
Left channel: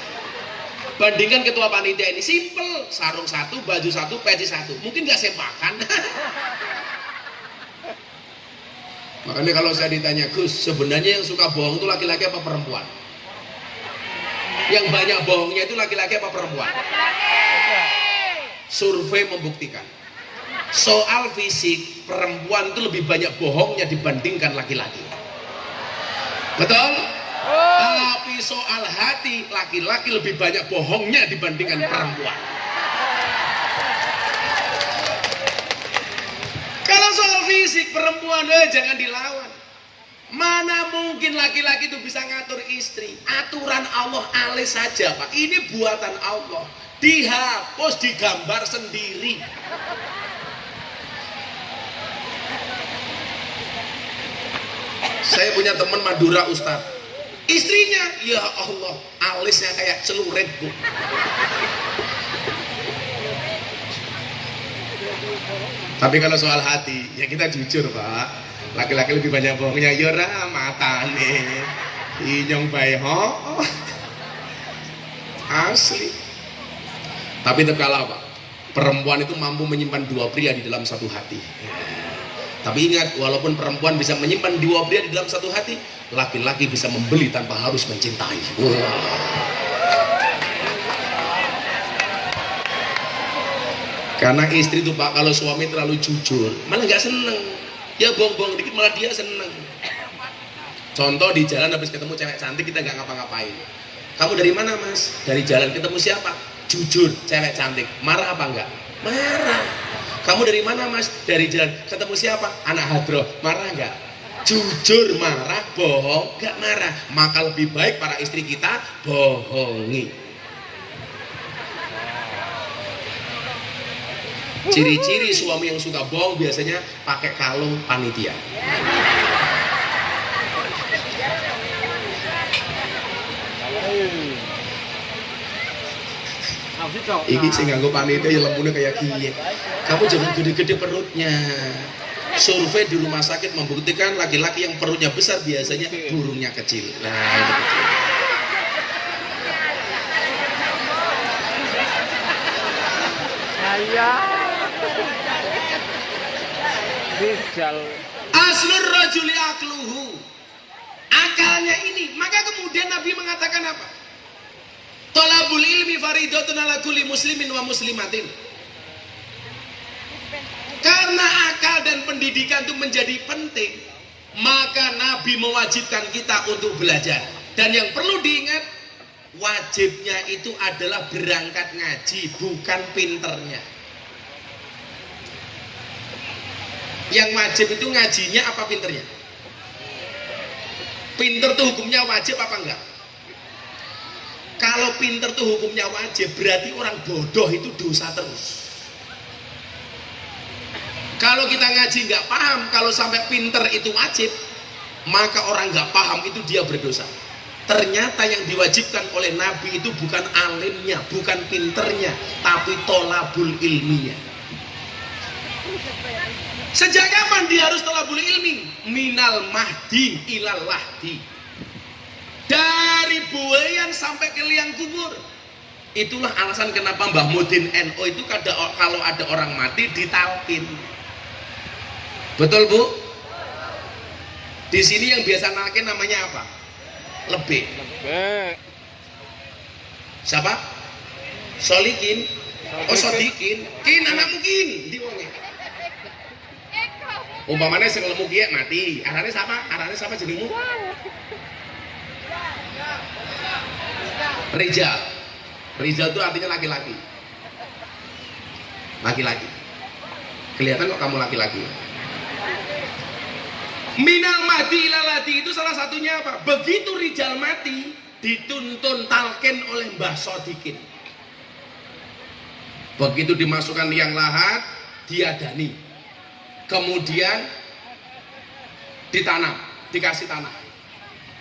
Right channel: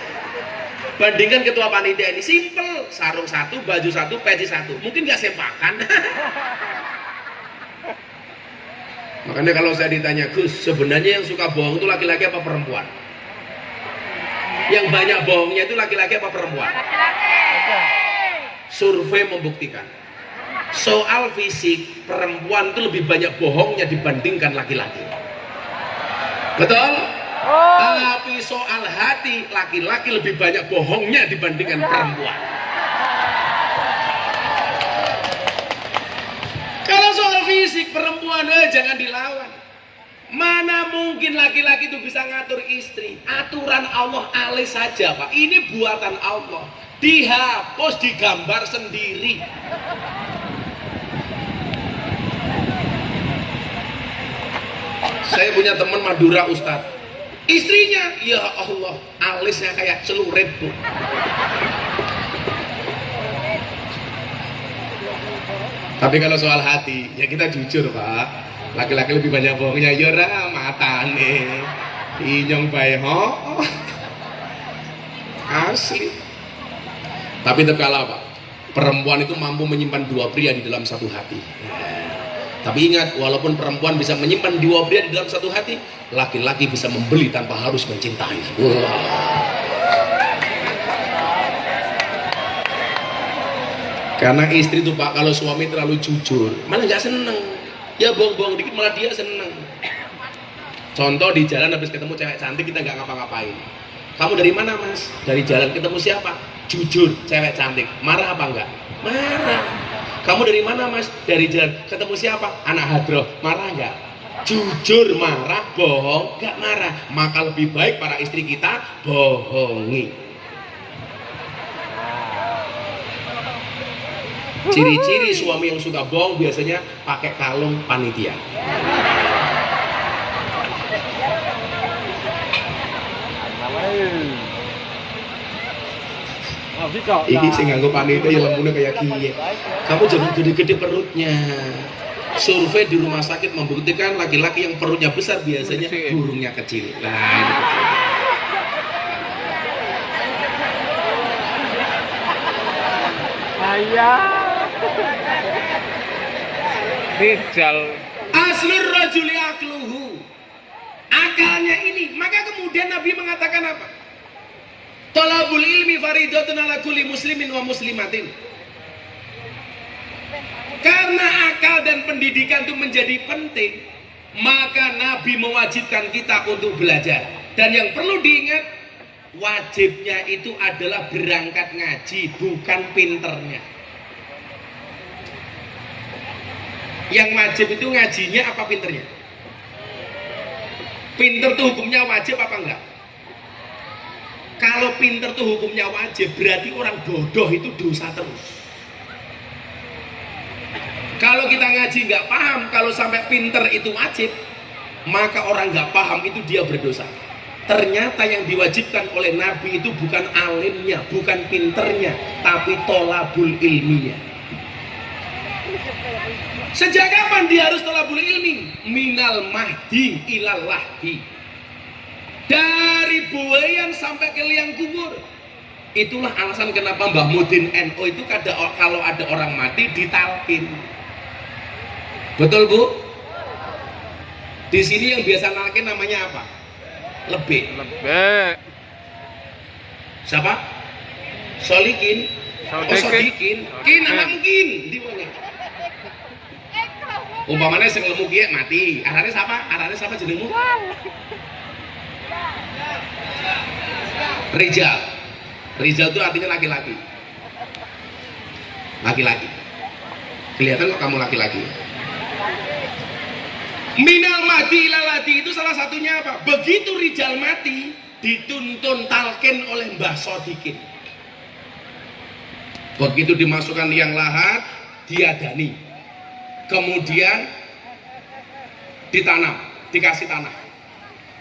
Bandingkan ketua panitia ini simple, sarung satu, baju satu, peci satu. Mungkin nggak sepakan. Makanya kalau saya ditanya, Gus, sebenarnya yang suka bohong itu laki-laki apa perempuan? Yang banyak bohongnya itu laki-laki apa perempuan? Survei membuktikan, soal fisik perempuan itu lebih banyak bohongnya dibandingkan laki-laki. Betul? Tapi soal hati laki-laki lebih banyak bohongnya dibandingkan perempuan. Kalau soal fisik perempuan jangan dilawan. Mana mungkin laki-laki itu bisa ngatur istri? Aturan Allah alis saja Pak. Ini buatan Allah. Dihapus, digambar sendiri. Saya punya teman Madura Ustadz. Istrinya, ya Allah, alisnya kayak celurit Bu. Tapi kalau soal hati, ya kita jujur Pak. Laki-laki lebih banyak bohongnya. Yora matane, inyong bae ho. Asli. Tapi tetap kalah Pak. Perempuan itu mampu menyimpan dua pria di dalam satu hati. Tapi ingat, walaupun perempuan bisa menyimpan dua pria di dalam satu hati, laki-laki bisa membeli tanpa harus mencintai. Karena istri itu Pak, kalau suami terlalu jujur, malah nggak seneng. Ya bohong-bohong dikit malah dia seneng. Contoh di jalan habis ketemu cewek cantik kita nggak ngapa-ngapain. Kamu dari mana Mas? Dari jalan ketemu siapa? Jujur, cewek cantik. Marah apa enggak? Marah. Kamu dari mana Mas? Dari jalan ketemu siapa? Anak hadroh. Marah enggak? Jujur marah, bohong enggak marah. Maka lebih baik para istri kita bohongi. Ciri-ciri suami yang suka bohong biasanya pakai kalung panitia. Ini sih nganggo panitia yang lembutnya kayak gini. Kamu jangan gede-gede perutnya. Survei di rumah sakit membuktikan laki-laki yang perutnya besar biasanya burungnya kecil. Nah, itu kecil. Rijal. Aslur rajuli akluhu. Akalnya ini. Maka kemudian Nabi mengatakan apa? Thalabul ilmi faridatun ala kulli muslimin wa muslimatin. Karena akal dan pendidikan itu menjadi penting, maka Nabi mewajibkan kita untuk belajar. Dan yang perlu diingat, wajibnya itu adalah berangkat ngaji, bukan pinternya. Yang wajib itu ngajinya apa pinternya? Pinter tuh hukumnya wajib apa enggak? Kalau pinter tuh hukumnya wajib, berarti orang bodoh itu dosa terus. Kalau kita ngaji nggak paham, kalau sampai pinter itu wajib, maka orang nggak paham itu dia berdosa. Ternyata yang diwajibkan oleh Nabi itu bukan alimnya, bukan pinternya, tapi tolabul ilminya. Sejak kapan dia harus tolabul ilmi? Minal mahdi ilal lahdi. Dari buayan sampai ke liang kubur. Itulah alasan kenapa Mbah Mudin NU itu kalau ada orang mati ditalkin. Betul Bu? Di sini yang biasa nalkin namanya apa? Lebih. Lebih. Siapa? Solikin. Oh Sodikin. Kin anak mungkin. Di wonge. Umpamanya sing lemu kiye mati. Arane siapa? Arane siapa jenengmu? Rijal. Rijal itu artinya laki-laki. Laki-laki. Kelihatan kok kamu laki-laki. Minal mati ilalati itu salah satunya apa? Begitu Rijal mati, dituntun talqin oleh Mbah Sodikin. Begitu dimasukkan liang lahat, diadani. Kemudian ditanam, dikasih tanah.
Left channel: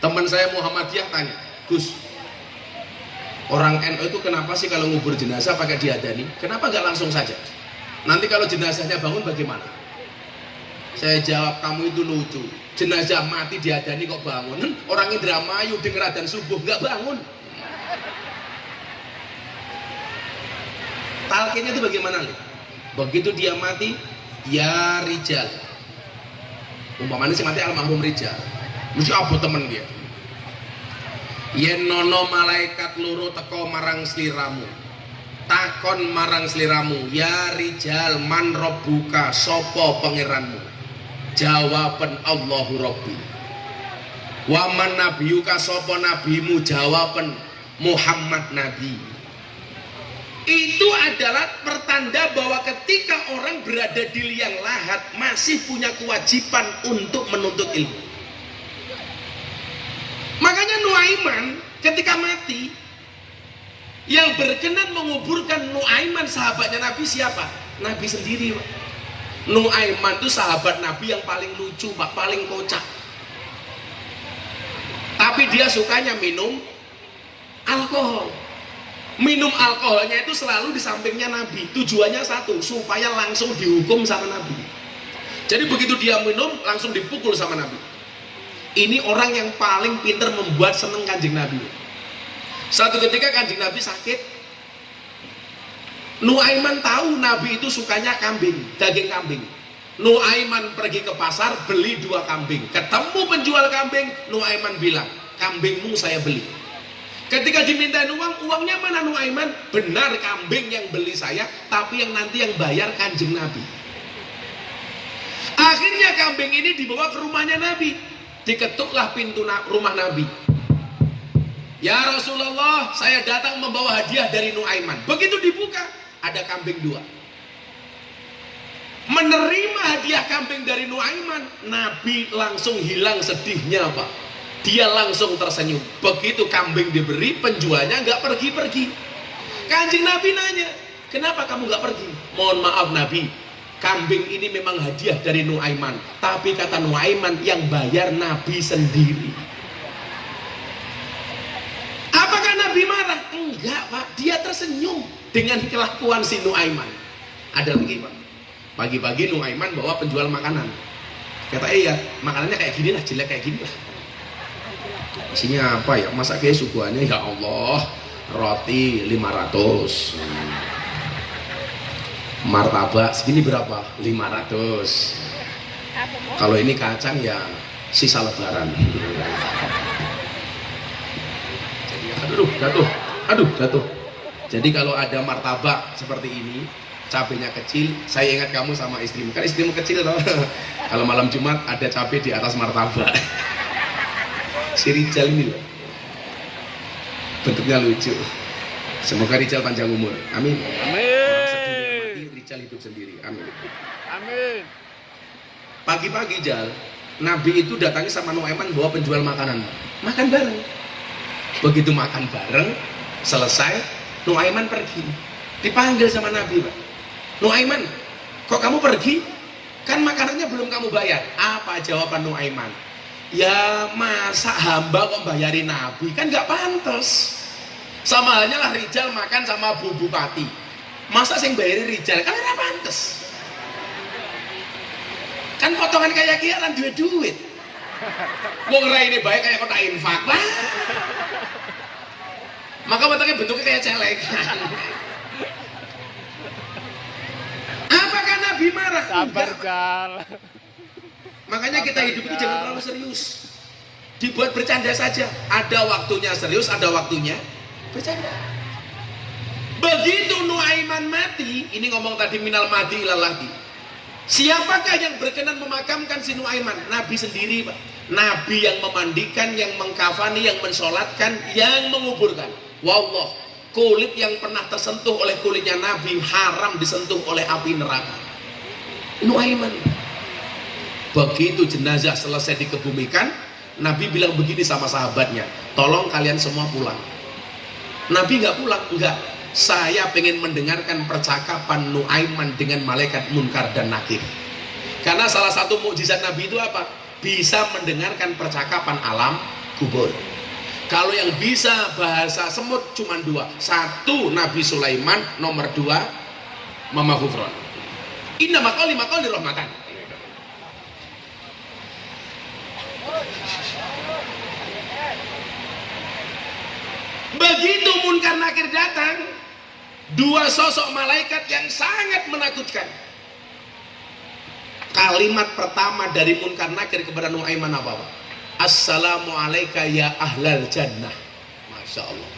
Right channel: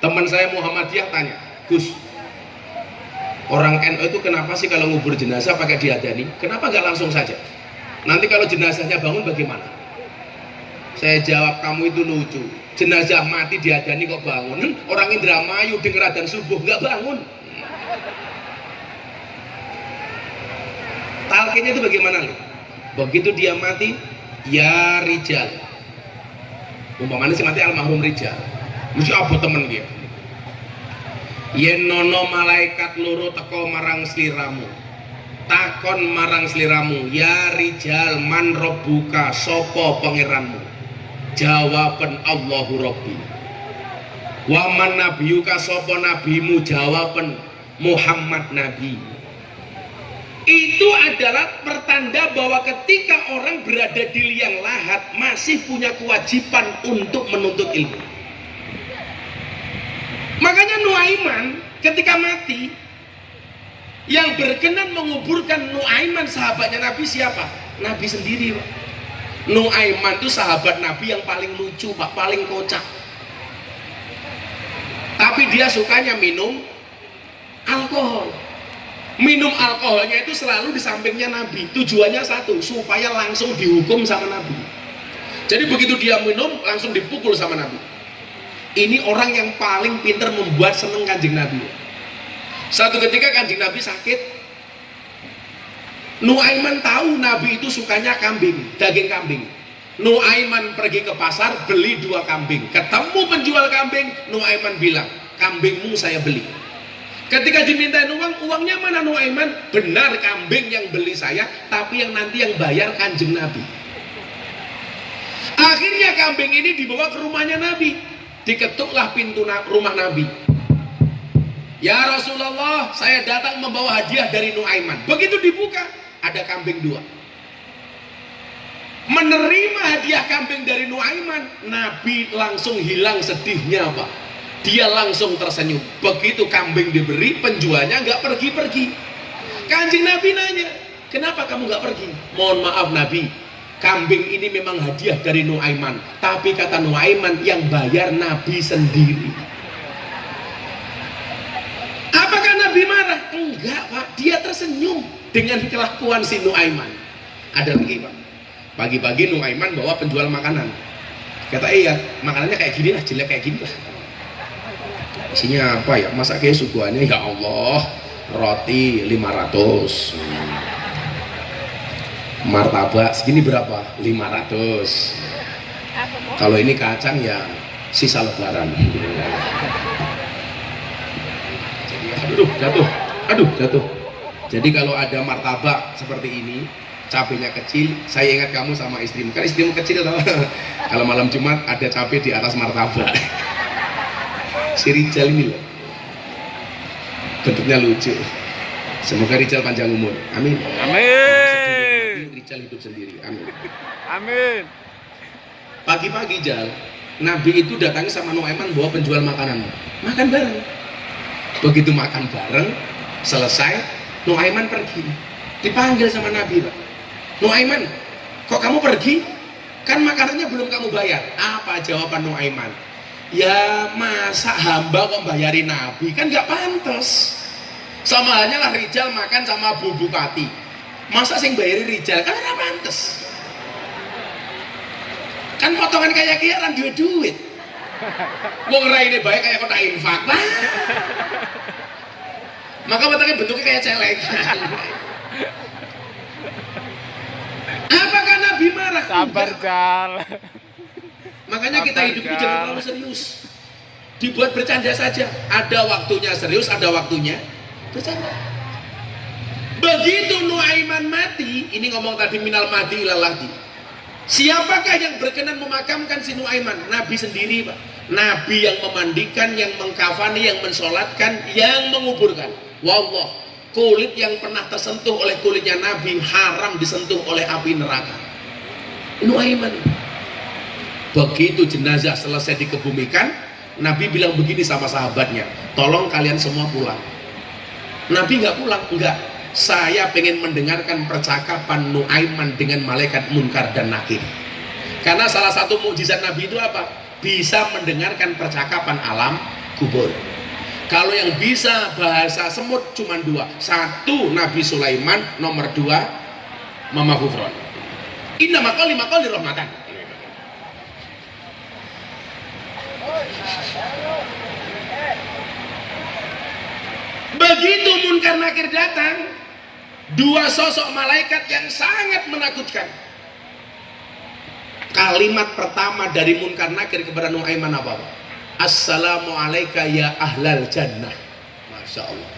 Teman saya Muhammadiyah tanya, Gus, orang NU itu kenapa sih kalau ngubur jenazah pakai diadani? Kenapa nggak langsung saja? Nanti kalau jenazahnya bangun bagaimana? Saya jawab, kamu itu lucu. Jenazah mati diadani kok bangun? Orang Indramayu denger adzan subuh nggak bangun. Talqinnya itu bagaimana loh? Begitu dia mati, ya Rijal. Umpamanya si mati almarhum Rijal. Mesti apa temen dia? Yen nono malaikat loro teko marang sliramu. Takon marang sliramu, ya Rijal man robbuka, sopo pangeranmu? Jawaban Allahu Rabbi. Waman nabiyuka, sopo nabimu? Jawaban Muhammad Nabi. Itu adalah pertanda bahwa ketika orang berada di liang lahat masih punya kewajiban untuk menuntut ilmu. Makanya Nuaiman ketika mati, yang berkenan menguburkan Nuaiman sahabatnya Nabi siapa? Nabi sendiri Pak. Nuaiman itu sahabat Nabi yang paling lucu Pak, paling kocak. Tapi dia sukanya minum alkohol. Minum alkoholnya itu selalu di sampingnya Nabi. Tujuannya satu, supaya langsung dihukum sama Nabi. Jadi begitu dia minum, langsung dipukul sama Nabi. Ini orang yang paling pintar membuat seneng Kanjeng Nabi. Satu ketika Kanjeng Nabi sakit, Nuaiman tahu Nabi itu sukanya kambing, daging kambing. Nuaiman pergi ke pasar beli 2 kambing. Ketemu penjual kambing, Nuaiman bilang, kambingmu saya beli. Ketika dimintain uang, uangnya mana Nuaiman? Benar kambing yang beli saya, tapi yang nanti yang bayar Kanjeng Nabi. Akhirnya kambing ini dibawa ke rumahnya Nabi. Diketuklah pintu rumah Nabi. Ya Rasulullah, saya datang membawa hadiah dari Nuaiman. Begitu dibuka, ada kambing 2. Menerima hadiah kambing dari Nuaiman, Nabi langsung hilang sedihnya Pak. Dia langsung tersenyum. Begitu kambing diberi, penjualnya nggak pergi-pergi. Kanjeng Nabi nanya, kenapa kamu nggak pergi? Mohon maaf Nabi, kambing ini memang hadiah dari Nuaiman, tapi kata Nuaiman yang bayar Nabi sendiri. Apakah Nabi marah? Enggak Pak, dia tersenyum dengan kelakuan si Nuaiman. Ada lagi Pak, pagi-pagi Nuaiman bawa penjual makanan. Kata iya, makanannya kayak gini lah, jelek kayak gini lah. Isinya apa ya? Masa kayak suguhannya ya Allah, roti 500, martabak segini berapa? 500. Kalau ini kacang ya sisa lebaran. Aduh jatuh. Jadi kalau ada martabak seperti ini, cabenya kecil, saya ingat kamu sama istrimu. Kan istrimu kecil atau kalau malam Jumat ada cabai di atas martabak. Si Rijal ini loh, bentuknya lucu. Semoga Rijal panjang umur. Amin. Amin. Rijal hidup sendiri. Amin. Amin. Pagi-pagi Jal, Nabi itu datangi sama Nuaiman bawa penjual makanan. Makan bareng. Begitu makan bareng, selesai, Nuaiman pergi. Dipanggil sama Nabi, Pak. Nuaiman, kok kamu pergi? Kan makanannya belum kamu bayar. Apa jawaban Nuaiman? Ya masa hamba kok bayarin Nabi, kan nggak pantas. Sama halnya lah Rijal makan sama Bu Bupati, masa sing bayarin Rijal, kan nggak pantas. Kan potongan kayak kia kan duit. Wong raine baik kayak kota infak. Maka bentuknya kayak celeng. Apakah Nabi marah? Sabar, Enggak. Jal. Makanya kita Sabar, hidup Jal. jangan terlalu serius. Dibuat bercanda saja. Ada waktunya serius, ada waktunya bercanda. Begitu Nuaiman mati, ini ngomong tadi minal mati ilalahdi. Siapakah yang berkenan memakamkan si Nuaiman? Nabi sendiri, Pak. Nabi yang memandikan, yang mengkafani, yang mensolatkan, yang menguburkan. Wallah, kulit yang pernah tersentuh oleh kulitnya Nabi haram disentuh oleh api neraka. Nuaiman. Begitu jenazah selesai dikebumikan, Nabi bilang begini sama sahabatnya, tolong kalian semua pulang. Nabi nggak pulang, enggak. Saya pengen mendengarkan percakapan Nuaiman dengan malaikat Munkar dan Nakir. Karena salah satu mukjizat Nabi itu apa? Bisa mendengarkan percakapan alam kubur. Kalau yang bisa bahasa semut cuma dua. Satu Nabi Sulaiman, nomor dua Mama Gufron. Inna makoli rahmatan. Begitu Munkar Nakir datang, dua sosok malaikat yang sangat menakutkan. Kalimat pertama dari Munkar Nakir kepada Nuaiman apa? Assalamualaikum ya ahlal jannah. Masya Allah.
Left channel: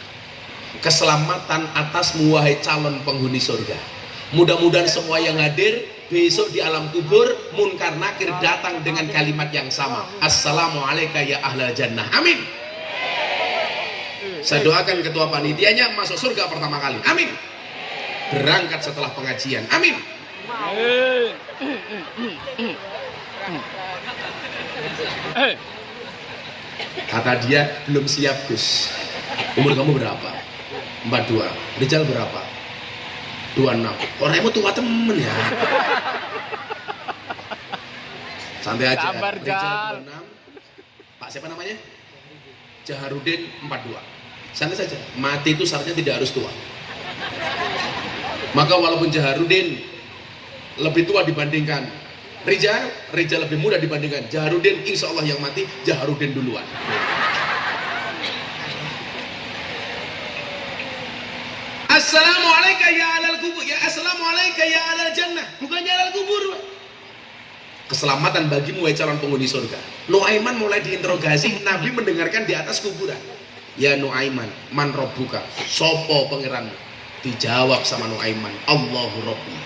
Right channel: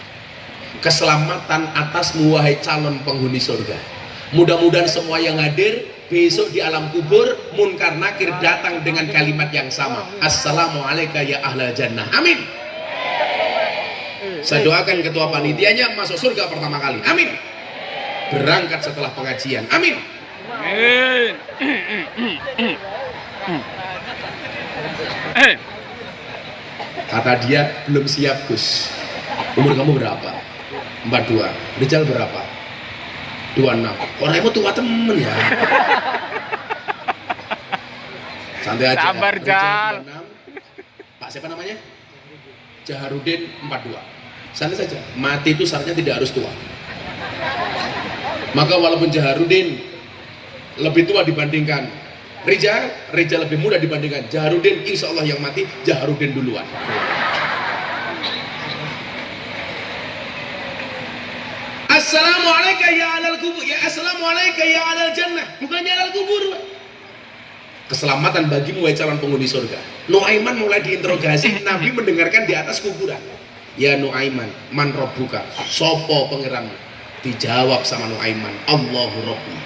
Keselamatan atasmu wahai calon penghuni surga. Mudah-mudahan semua yang hadir besok di alam kubur Munkar Nakir datang dengan kalimat yang sama. Assalamualaikum ya ahlal jannah. Amin. Saya doakan ketua panitianya masuk surga pertama kali. Amin. Berangkat setelah pengajian. Amin. Kata dia belum siap Gus. Umur kamu berapa? 42. Rizal berapa? 26. Orangmu tua temen ya. Santai aja. Sabar, Jal. 26. Pak siapa namanya? Jaharudin 42. Santai saja. Mati itu syaratnya tidak harus tua. Maka walaupun Jaharudin lebih tua dibandingkan Rizal lebih muda dibandingkan Jaharudin, insya Allah yang mati Jaharudin duluan. Assalamualaikum ya alal kubur, ya assalamualaikum ya alal jannah, bukannya alal kubur. Keselamatan bagimu wahai calon penghuni surga. Nuaiman mulai diinterogasi, Nabi mendengarkan di atas kuburan. Ya Nuaiman, man robbuka, sopo pangeranmu? Dijawab sama Nuaiman, Allahu Rabbi.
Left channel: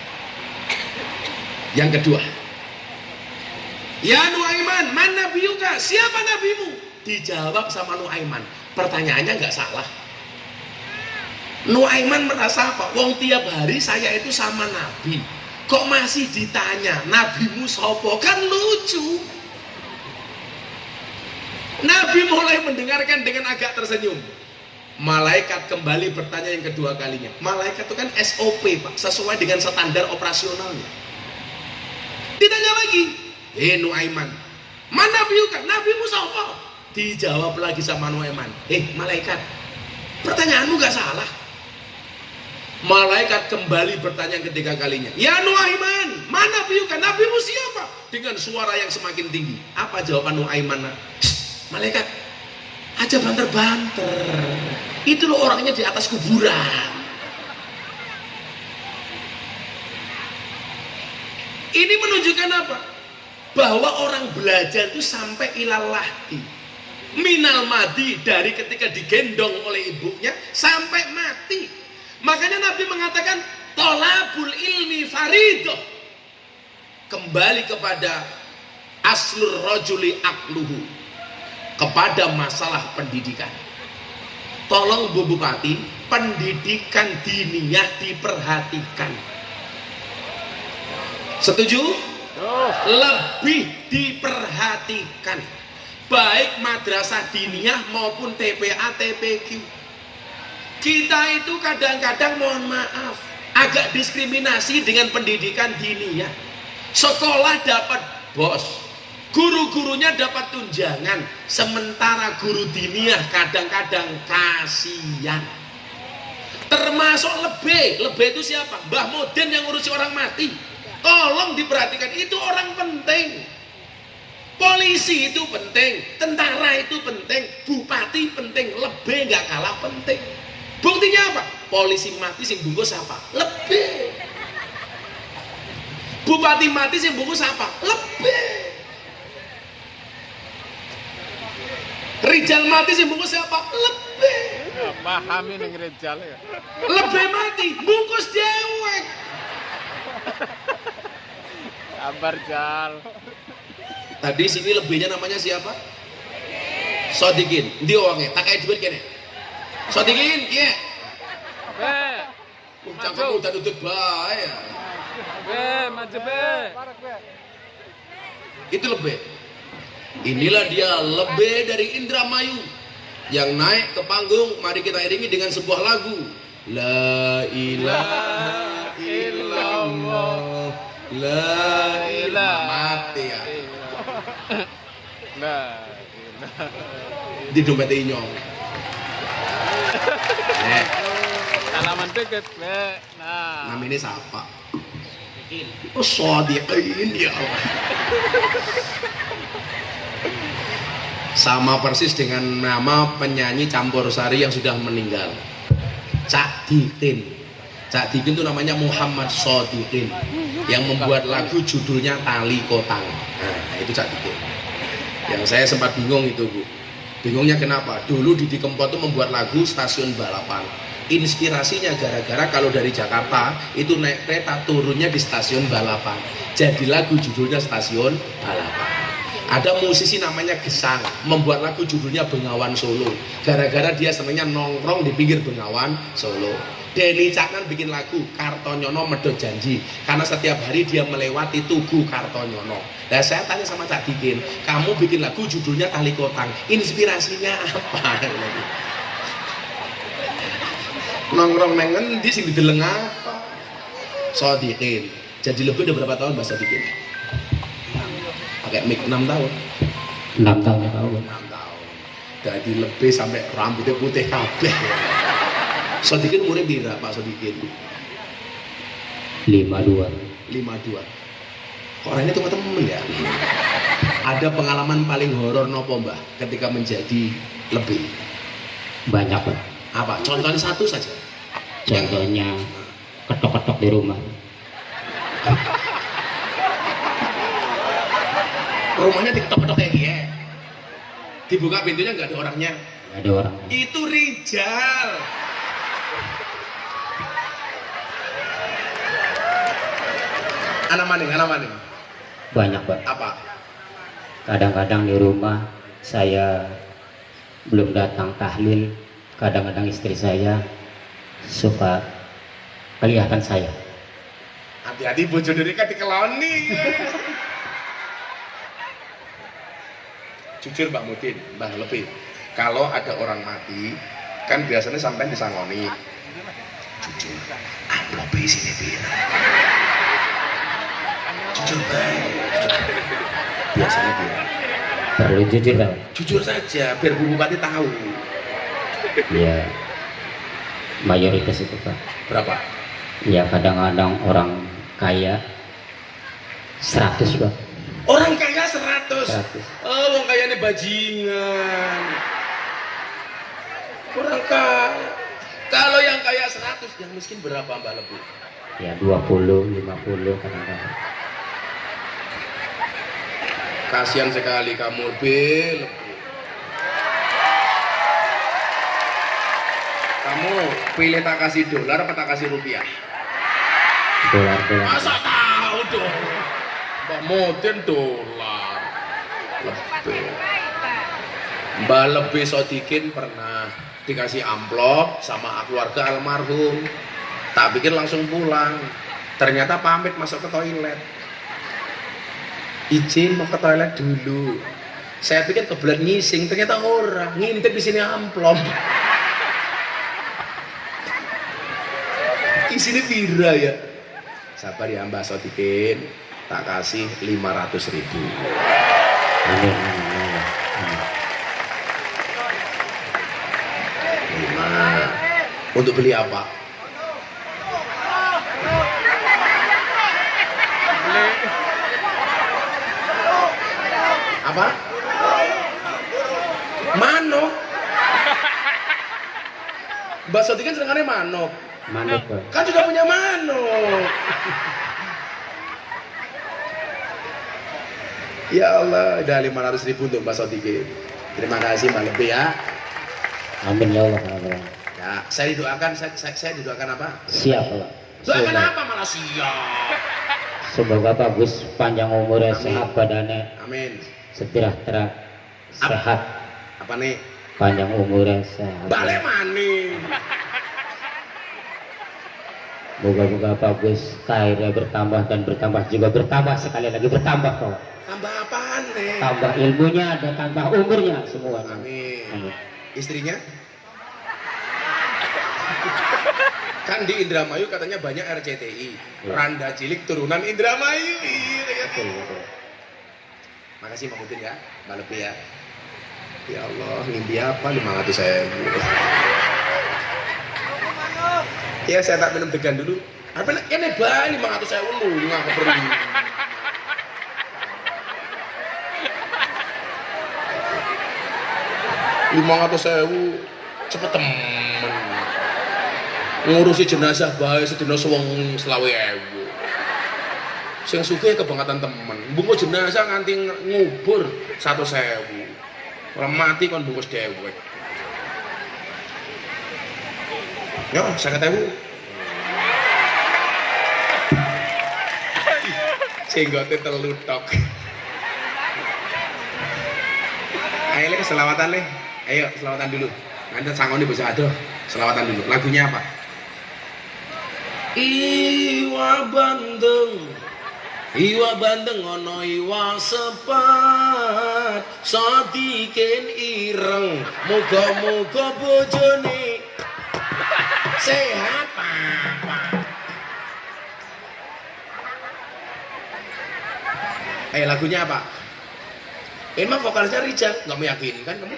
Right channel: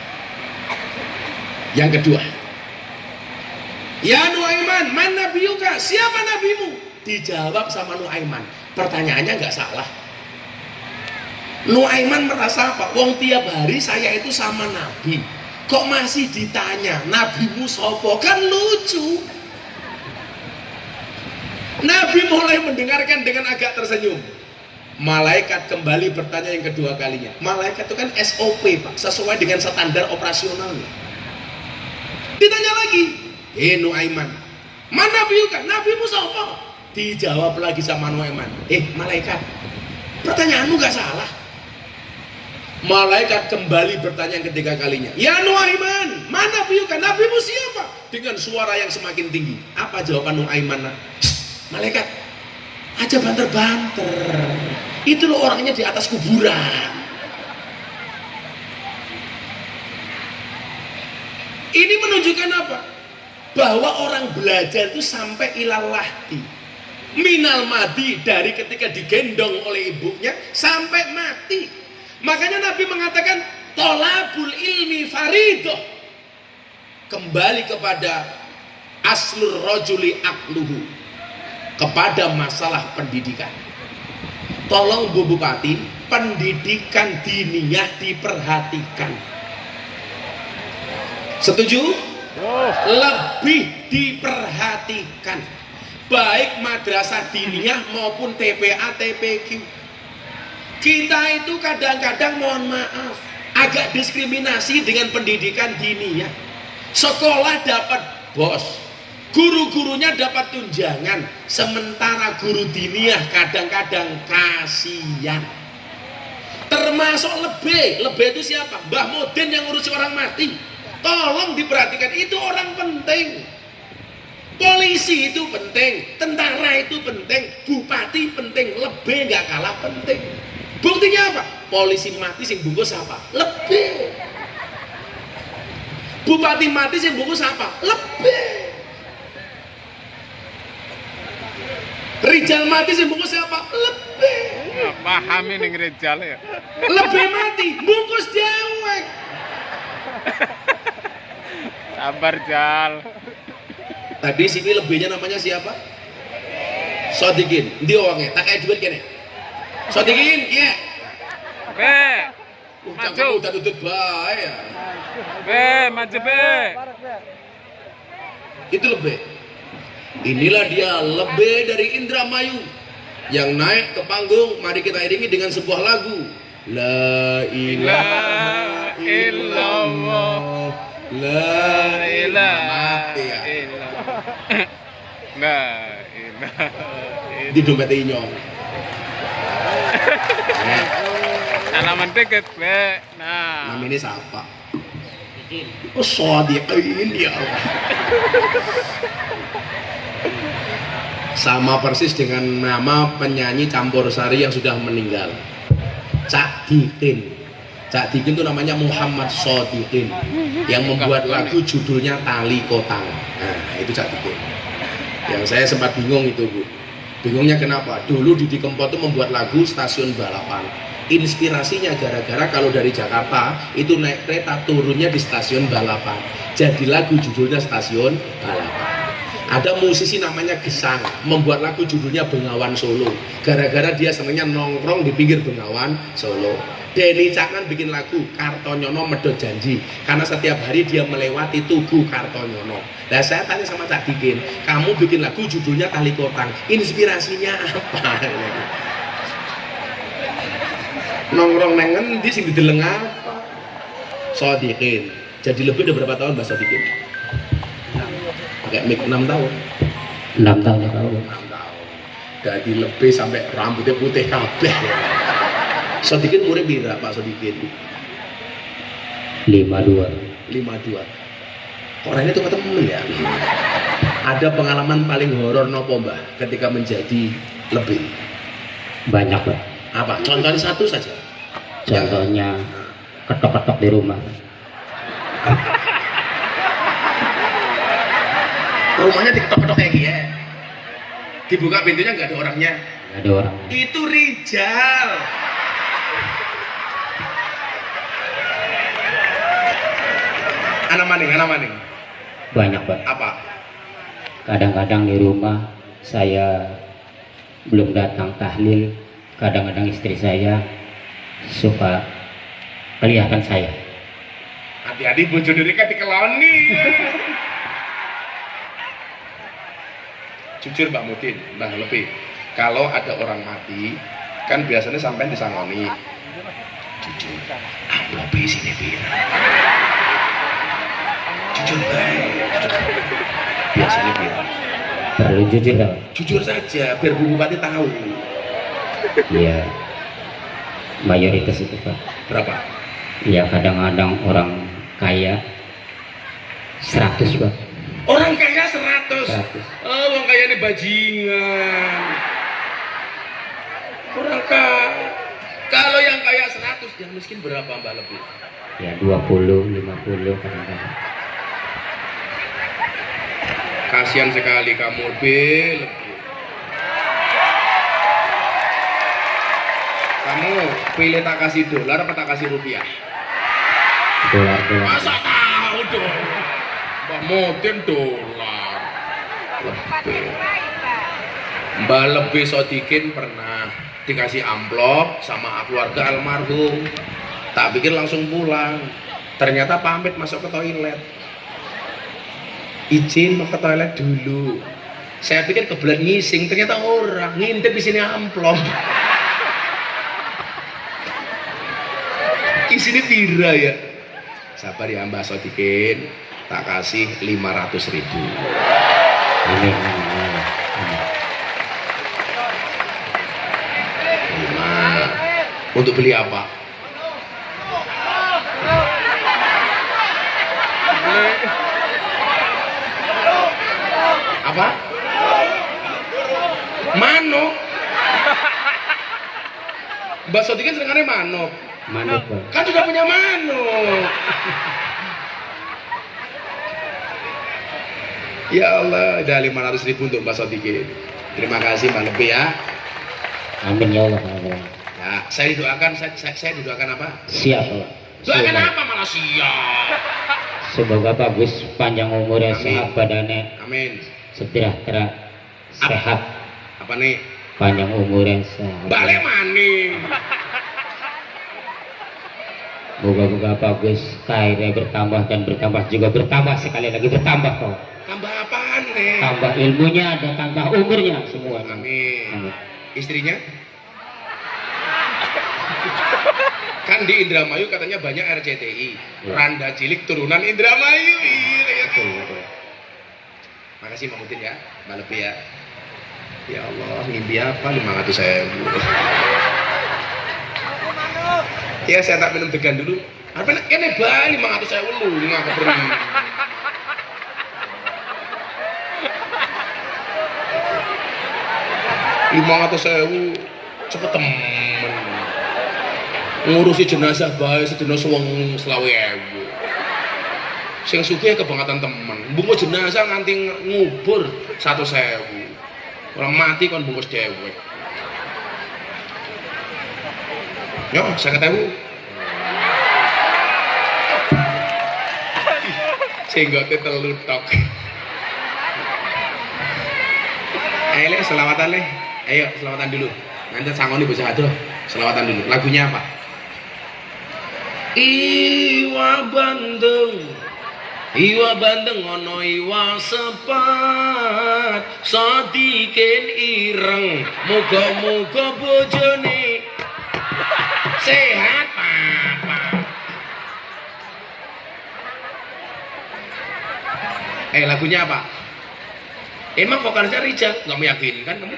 Yang kedua, ya Nuaiman, man nabiyuka? Siapa nabimu? Dijawab sama Nuaiman. Pertanyaannya nggak salah. Nuaiman merasa apa? Wong tiap hari saya itu sama Nabi. Kok masih ditanya nabimu sopo? Kan lucu. Nabi mulai mendengarkan dengan agak tersenyum. Malaikat kembali bertanya yang kedua kalinya. Malaikat itu kan SOP Pak, sesuai dengan standar operasionalnya. Ditanya lagi, Nuaiman, mana nabiuka? Nabimu siapa? Dijawab lagi sama Nuaiman, malaikat, pertanyaanmu gak salah. Malaikat kembali bertanya yang ketiga kalinya, ya Nuaiman, mana nabiuka? Nabimu siapa? Dengan suara yang semakin tinggi. Apa jawaban Nuaiman? Malaikat, aja banter-banter. Itu loh orangnya di atas kuburan. Ini menunjukkan apa? Bahwa orang belajar itu sampai ilalahdi. Minal mati, dari ketika digendong oleh ibunya sampai mati. Makanya Nabi mengatakan tolabul ilmi faridoh. Kembali kepada aslur rojuli akluhu, kepada masalah pendidikan. Tolong Bu Bupati, pendidikan diniyah diperhatikan. Setuju? Lebih diperhatikan. Baik madrasah diniyah maupun TPA, TPQ. Kita itu kadang-kadang mohon maaf agak diskriminasi dengan pendidikan diniyah. Sekolah dapat bos, guru-gurunya dapat tunjangan, sementara guru diniyah kadang-kadang kasihan. Termasuk lebih itu siapa? Mbah Moden yang ngurusi orang mati. Tolong diperhatikan, itu orang penting. Polisi itu penting, tentara itu penting, bupati penting, lebih nggak kalah penting. Buktinya apa? Polisi mati sing bungkus apa? Lebih. Bupati mati sing bungkus apa? Lebih. Rijal mati sing bungkus apa? Lebih. Pahami ning Rijal ya. Lebih mati bungkus dewek. Sabar Jal. Tadi sini lebihnya namanya siapa? Sodikin. Ndi wonge? Tak kayak duit kene. Sodikin, iya. Be. Maju udah tutut bae ya. Be, maju be. Itu lebih. Inilah dia lebih dari Indramayu yang naik ke panggung. Mari kita iringi dengan sebuah lagu. La ilaha illallah. La ilaha mati ya. La ilaha. Di dompet inyong. Salaman deket be. Nah. Namanya siapa? Oh, Sodikin ya Allah. Sama persis dengan nama penyanyi campur sari yang sudah meninggal, Cak Dikin. Cak Dikin itu namanya Muhammad Sodikin yang membuat lagu judulnya Tali Kotang. Nah itu Cak Dikin. Yang saya sempat bingung itu Bu. Bingungnya kenapa? Dulu Didi Kempot itu membuat lagu stasiun balapan. Inspirasinya gara-gara kalau dari Jakarta itu naik kereta turunnya di stasiun balapan. Jadi lagu judulnya Stasiun Balapan. Ada musisi namanya Gesang membuat lagu judulnya Bengawan Solo. Gara-gara dia senangnya nongkrong di pinggir Bengawan Solo. Denny Caknan bikin lagu Kartonyono Medhot Janji karena setiap hari dia melewati tugu Kartonyono. Nah saya tanya sama Cak Dikin, kamu bikin lagu judulnya Tali Kotang, inspirasinya apa? Nongkrong nang endi sing dideleng apa? Sodikin. Jadi lebih udah berapa tahun Mbak Sodikin? Pakai mic 6 tahun. 6 tahun ya kau. 6 tahun. Jadi lebih sampai rambutnya putih kabeh. Sodikin umurnya berapa Pak Sodikin? 52. 52. Kok orangnya tuh ketemu ya? Ada pengalaman paling horor nopo Mbah ketika menjadi lebih? Banyak Pak. Apa? Contohnya satu saja. Contohnya ketok-ketok di rumah. Rumahnya diketok-ketok kayak gini ya. Dibuka pintunya nggak ada orangnya. Nggak ada orang. Itu Rijal. Anak maning. Banyak Pak. Apa? Kadang-kadang di rumah saya belum datang tahlil. Kadang-kadang istri saya suka kelihatan saya. Hati-hati bojo diri kan dikeloni. Jujur Mbak Mudin, Mbak Lebih. Kalau ada orang mati, kan biasanya sampai disangoni. Jujur, amplop sini biar. Jujur baik. Biasanya biar. Perlu jujur Pak. Jujur saja, biar Bu Bupati tahu. Ya mayoritas itu Pak. Berapa? Ya kadang-kadang orang kaya 100 Pak. Orang kaya 100. 100. Oh, orang kaya ini bajingan. Orang kaya. Kalau yang kaya 100, yang miskin berapa Mbak Lebih? Ya 20, 50 kadang-kadang. Kasihan sekali kamu lebih. Kamu pilih tak kasih dolar apa tak kasih rupiah? Dolar. Masa tahu dong? Mbak Mudin dolar. Lebih. Mbak Lebih Sodikin pernah dikasih amplop sama keluarga almarhum. Tak pikir langsung pulang. Ternyata pamit masuk ke toilet. Izin mau ke toilet dulu. Saya pikir kebelet ngising, ternyata orang ngintip di sini amplop. Isinya pira ya? Sabar ya Mbak Sodikin, tak kasih 500.000. Ini. 5. Untuk beli apa? Apa? Mano? Mbak Soti kan senengannya manuk. Manuk Pak. Kan sudah punya manuk. Ya Allah, udah 500.000 untuk Mbak Sodikin. Terima kasih Mbak Lebih ya. Amin ya Allah. Ya Allah. Ya, saya didoakan, saya didoakan apa? Siap Pak. Doakan Semoga- apa malah siap? Semoga bagus panjang umurnya, Amin. sehat badannya, Amin. sejahtera, sehat, Apa nih? panjang umurnya, sehat. Balik maning. Moga-moga bagus, karirnya bertambah dan bertambah juga bertambah sekali lagi bertambah kok. Tambah apaan nih? Tambah ilmunya dan tambah umurnya semua. Amin. Amin. Istrinya? Kan di Indramayu katanya banyak RCTI. Ya. Randa cilik turunan Indramayu. Iya, kayak Betul, gitu. betul. Makasih Mbak Mutin ya, Mbak Lebih ya. Ya Allah, mimpi apa 500.000? Ya saya tak minum degan dulu. Apa ini bae 500.000 lu ngaku pergi. 500.000 cepet temen. Ngurusi jenazah bae sedina suweng 20.000. Sing sugih kebangetan temen. Bungkus jenazah nganti ngubur 100.000. Orang mati kon bungkus dewek. Yo, 50.000. Singgote telu tok. Ayo Le, selawatan Le. Ayo selawatan dulu. Nanti sangoni bisa aduh. Selawatan dulu. Lagunya apa? Iwa Bandeng. Iwa Bandeng ono iwa sepat. Sadikin ireng. Muga-muga bojone sehat papa. Lagunya apa? Emang vokalisnya Rijal? Nggak meyakinkan kamu?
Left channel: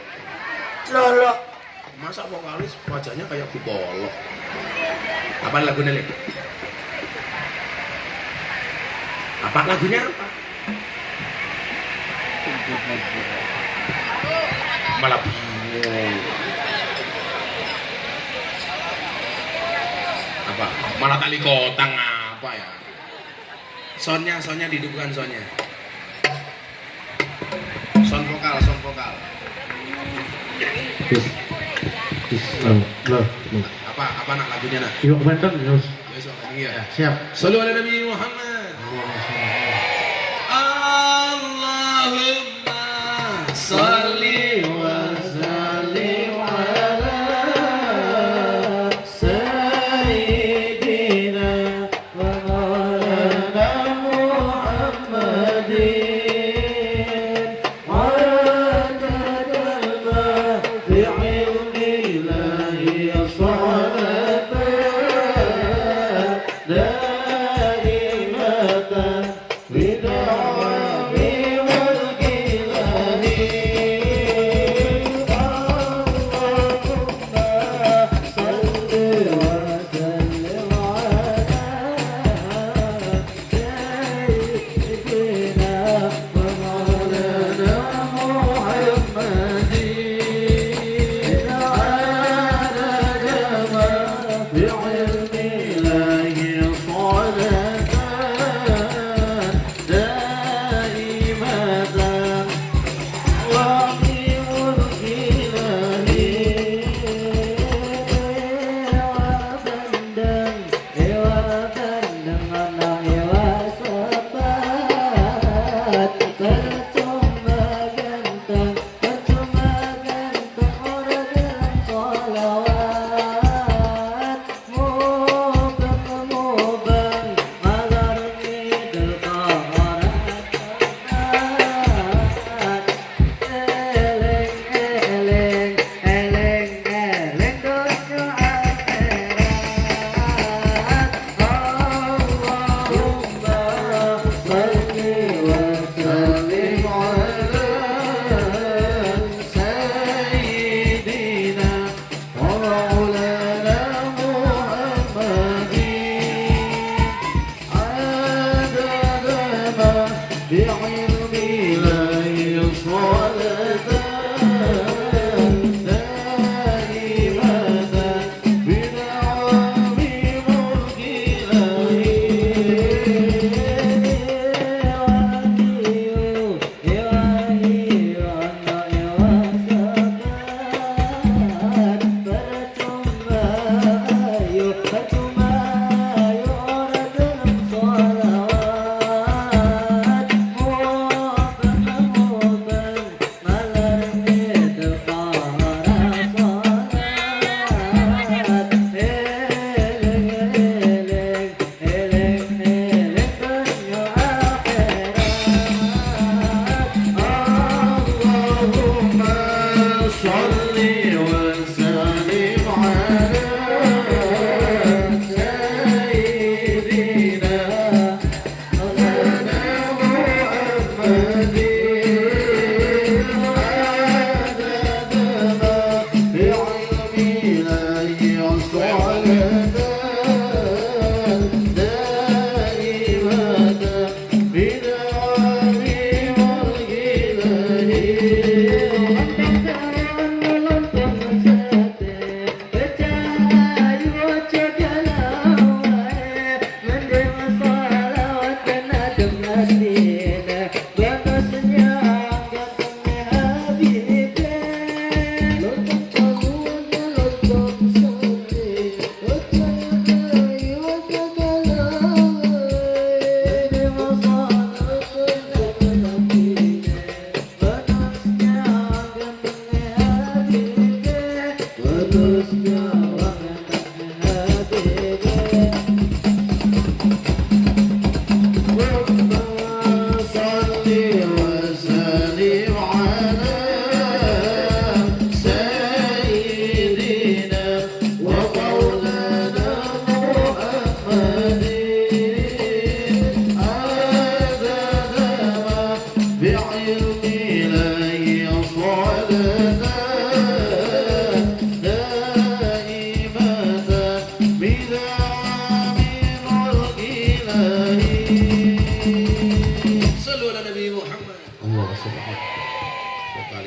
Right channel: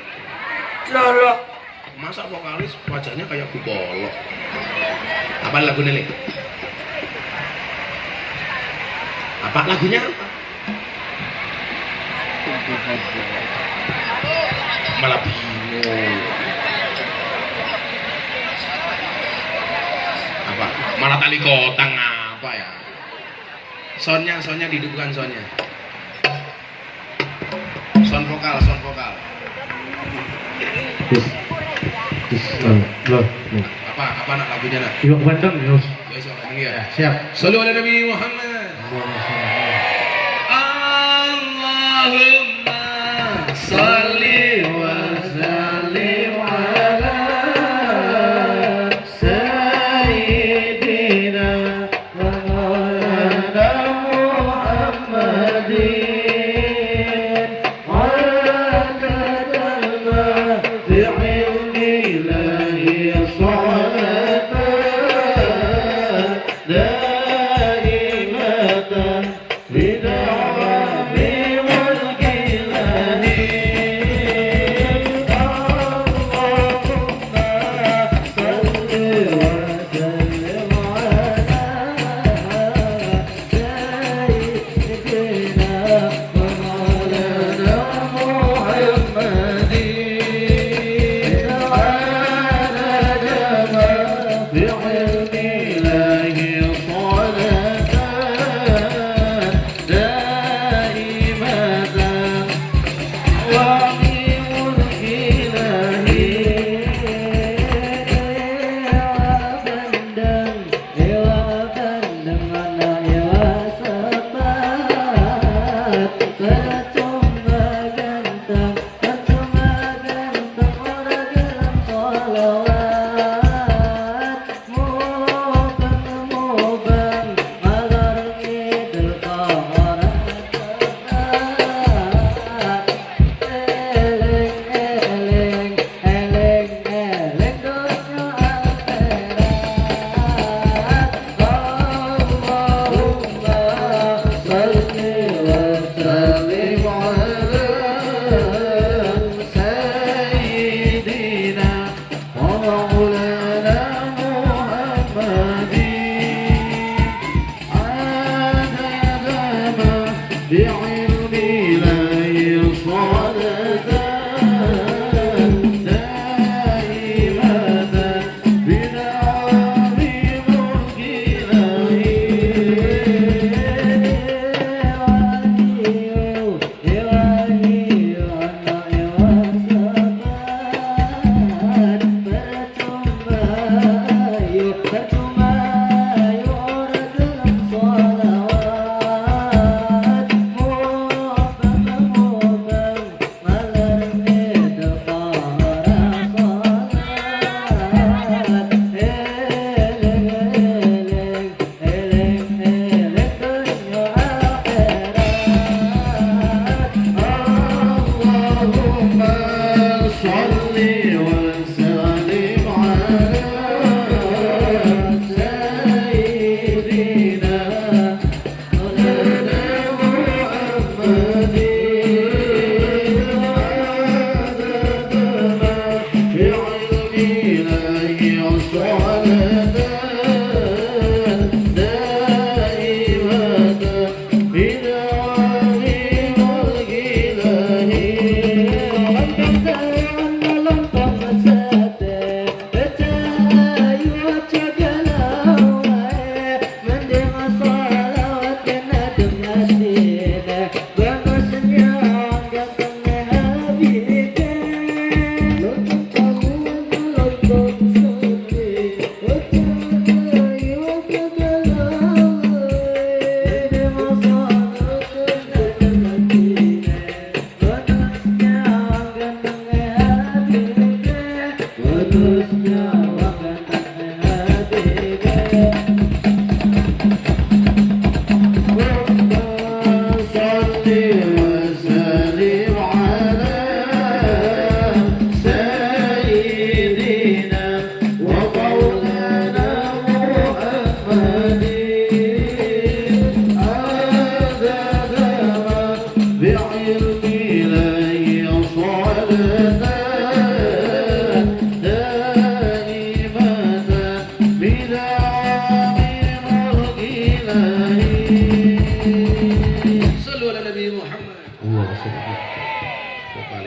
Loh. Masa vokalis wajahnya kayak Bupolo? Apa lagunya nih? Apa lagunya? Malah bingung. Apa? Malah tali kotang apa ya? Soundnya dihidupkan soundnya. Sound vokal. Apa nak lagunya nak? Iwak Bandeng, Yus. Ya, sok ini ya. Siap. Sallu ala Nabi Muhammad. Allahumma salli wa sallim ala Sayyidina wa maulana Muhammadin adadal ma bi'ilmi ilahi salatan daimatan bid'abi wal kilani Allahumma salli wa sallim ala sayyidina wa maulana Muhammadin ala jamal bi'ilmi ilahi salatan daimatan Muhammad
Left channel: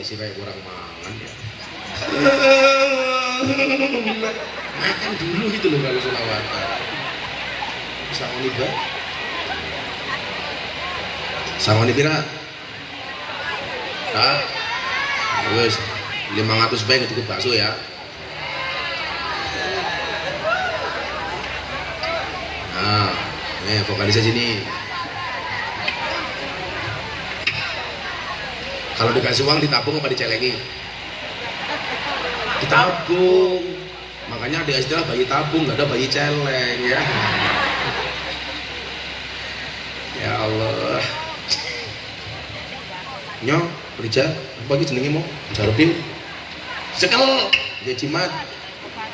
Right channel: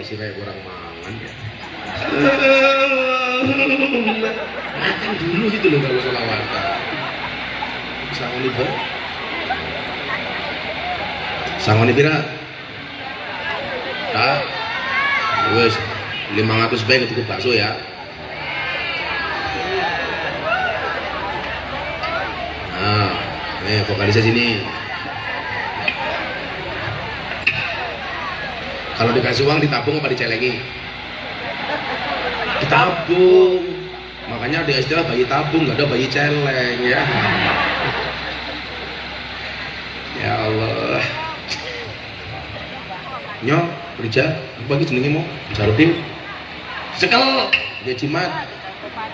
sih kayak kurang mangan ya. Makan dulu gitu loh kalau selawatan. Sangoni ba? Sangoni pira? Ah, wes 500 baik cukup bakso ya. Nah, vokalisnya sini. Kalau dikasih uang ditabung apa dicelengi? Ditabung. Makanya ada istilah bayi tabung, nggak ada bayi celeng ya. Ya Allah. Nyong, kerja, bagi jenenge mau jarupin. Sekal, ya jimat.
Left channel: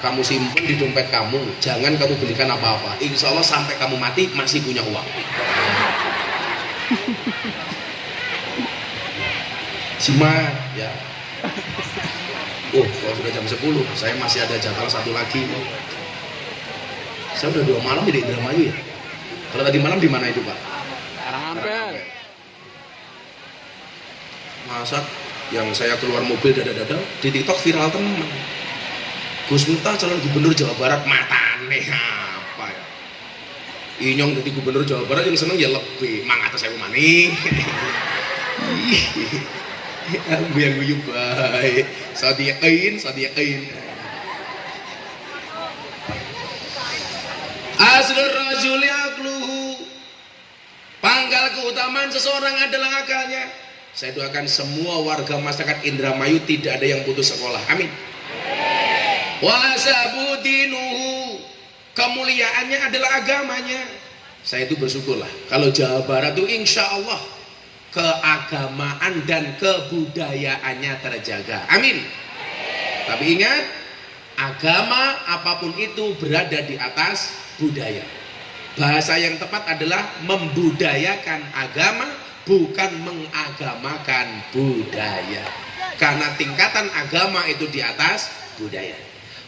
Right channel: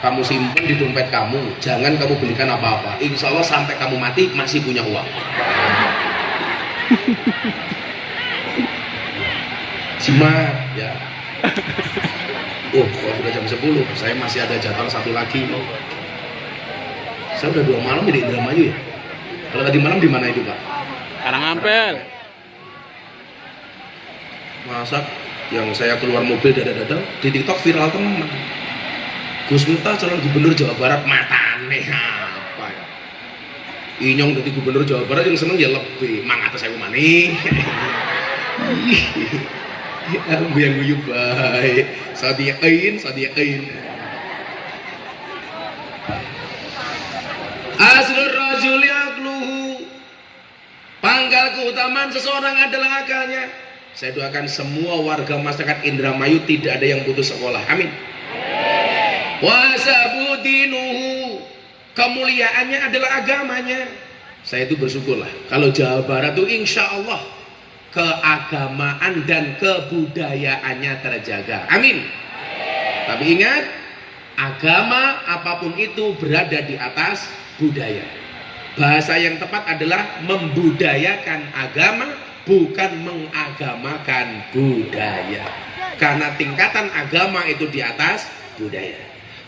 Kamu simpen di dompet kamu, jangan kamu belikan apa-apa. Insya Allah sampai kamu mati masih punya uang. Jimat, ya. Oh, kalau sudah jam 10, saya masih ada jadwal satu lagi. Saya udah 2 malam di Indramayu ya. Kalau tadi malam di mana itu Pak? Karangampel. Masak yang saya keluar mobil dada-dada di TikTok viral teman. Gus Miftah calon gubernur Jawa Barat, matane apa ya? Inyong jadi gubernur Jawa Barat yang seneng ya lebih mangata saya mani. Aku yang guyu baik. Sadiqin. Aslur rajuli aqluhu. Pangkal keutamaan seseorang adalah akalnya. Saya doakan semua warga masyarakat Indramayu tidak ada yang putus sekolah. Amin. Wa sabudinuhu. Kemuliaannya adalah agamanya. Saya itu bersyukurlah kalau Jawa Barat itu insya Allah keagamaan dan kebudayaannya terjaga. Amin. Tapi ingat, agama apapun itu berada di atas budaya. Bahasa yang tepat adalah membudayakan agama, bukan mengagamakan budaya. Karena tingkatan agama itu di atas budaya.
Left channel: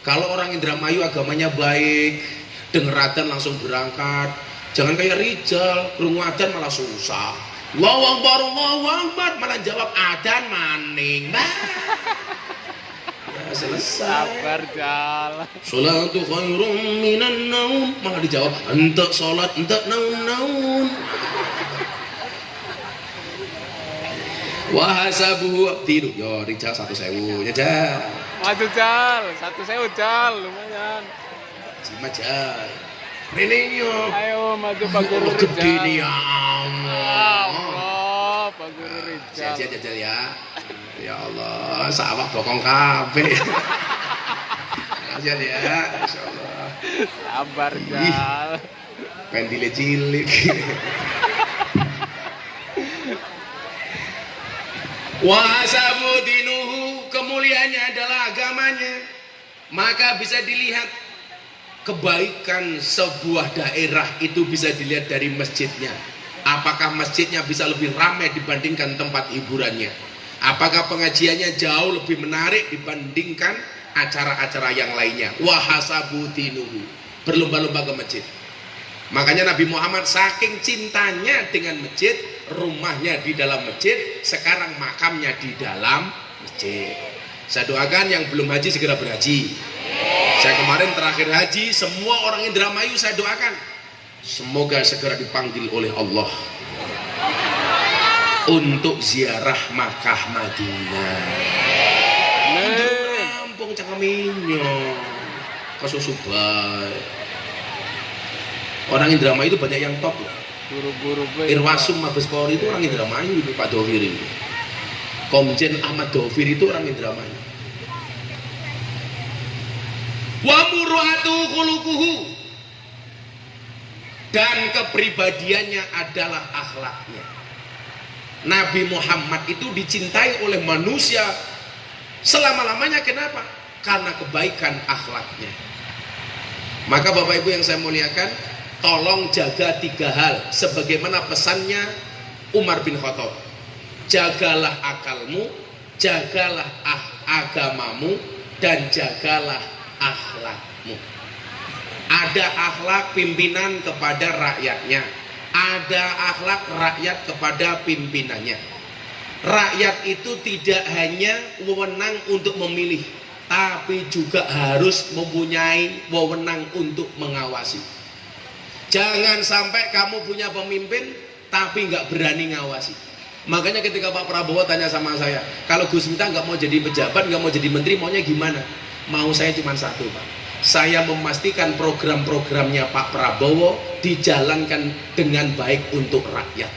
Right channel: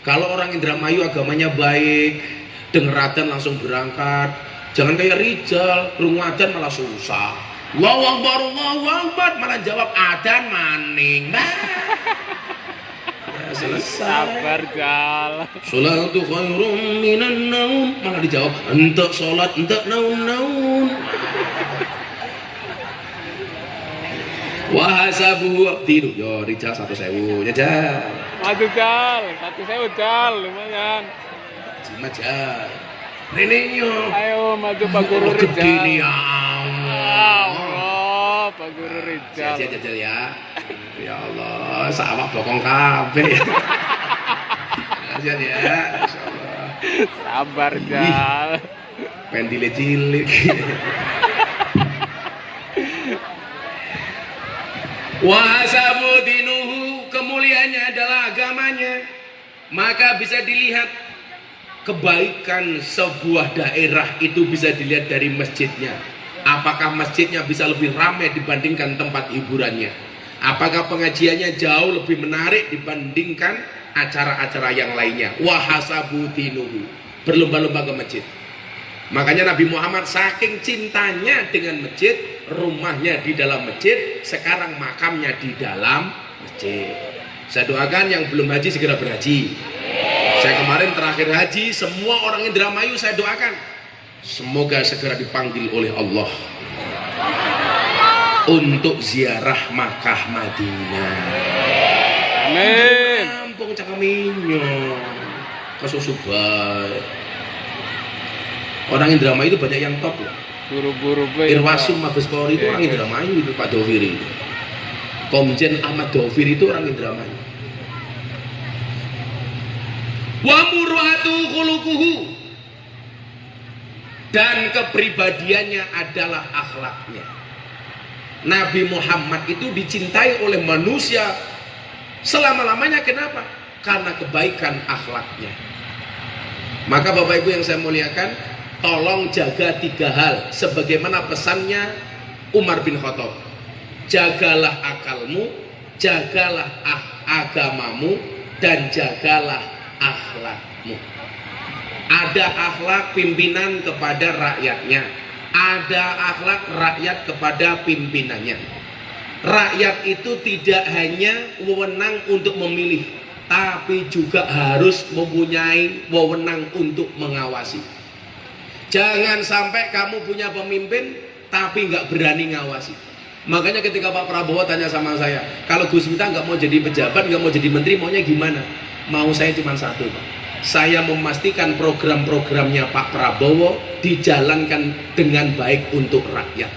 Kalau orang Indramayu agamanya baik, denger adzan langsung berangkat. Jangan kayak Rijal, krungu adzan malah susah. Allahu Akbar, malah jawab adzan maning. Nah. Ya, selesai. Sabar Jal. Sholatu khairum minan naum, malah dijawab entek salat, entek naun-naun. Wa hasabuhu tiru yo Rijal 1.000 ya Jal. Maju Jal, 1.000 Jal, lumayan. Cima Jal. Ini yo. Ayo maju Pak Guru Rijal. Ini ya Allah, Pak Guru Rijal. Jajal ya. Ya Allah, sawah bokong kabeh. Jajal ya, insyaallah. Sabar Jal. Pendile cilik. Wa sabudinuhu, kemuliaannya adalah agamanya. Maka bisa dilihat kebaikan sebuah daerah itu bisa dilihat dari masjidnya. Apakah masjidnya bisa lebih ramai dibandingkan tempat hiburannya? Apakah pengajiannya jauh lebih menarik dibandingkan acara-acara yang lainnya? Wahasabutinuhu, berlomba-lomba ke masjid. Makanya Nabi Muhammad saking cintanya dengan masjid, rumahnya di dalam masjid, sekarang makamnya di dalam masjid. Saya doakan yang belum haji segera berhaji. Saya kemarin terakhir haji, semua orang Indramayu saya doakan semoga segera dipanggil oleh Allah untuk ziarah Makkah Madinah. Amin. Kampung Cakaminyo. kesusu baik. Orang Indramayu itu banyak yang top loh. Buru-buru baik. Irwasum Mabes Polri itu orang Indramayu itu Pak Doviri. Komjen Ahmad Doviri itu orang Indramayu. Wa muru'atu khuluquhu, dan kepribadiannya adalah akhlaknya. Nabi Muhammad itu dicintai oleh manusia selama-lamanya. Kenapa? Karena kebaikan akhlaknya. Maka Bapak Ibu yang saya muliakan, tolong jaga 3 hal sebagaimana pesannya Umar bin Khattab. Jagalah akalmu, jagalah agamamu, dan jagalah akhlakmu. Ada akhlak pimpinan kepada rakyatnya, ada akhlak rakyat kepada pimpinannya. Rakyat itu tidak hanya wewenang untuk memilih, tapi juga harus mempunyai wewenang untuk mengawasi. Jangan sampai kamu punya pemimpin tapi nggak berani ngawasi. Makanya ketika Pak Prabowo tanya sama saya, kalau Gus Miftah nggak mau jadi pejabat, nggak mau jadi menteri, maunya gimana? Mau saya cuma satu, Pak. Saya memastikan program-programnya Pak Prabowo dijalankan dengan baik untuk rakyat.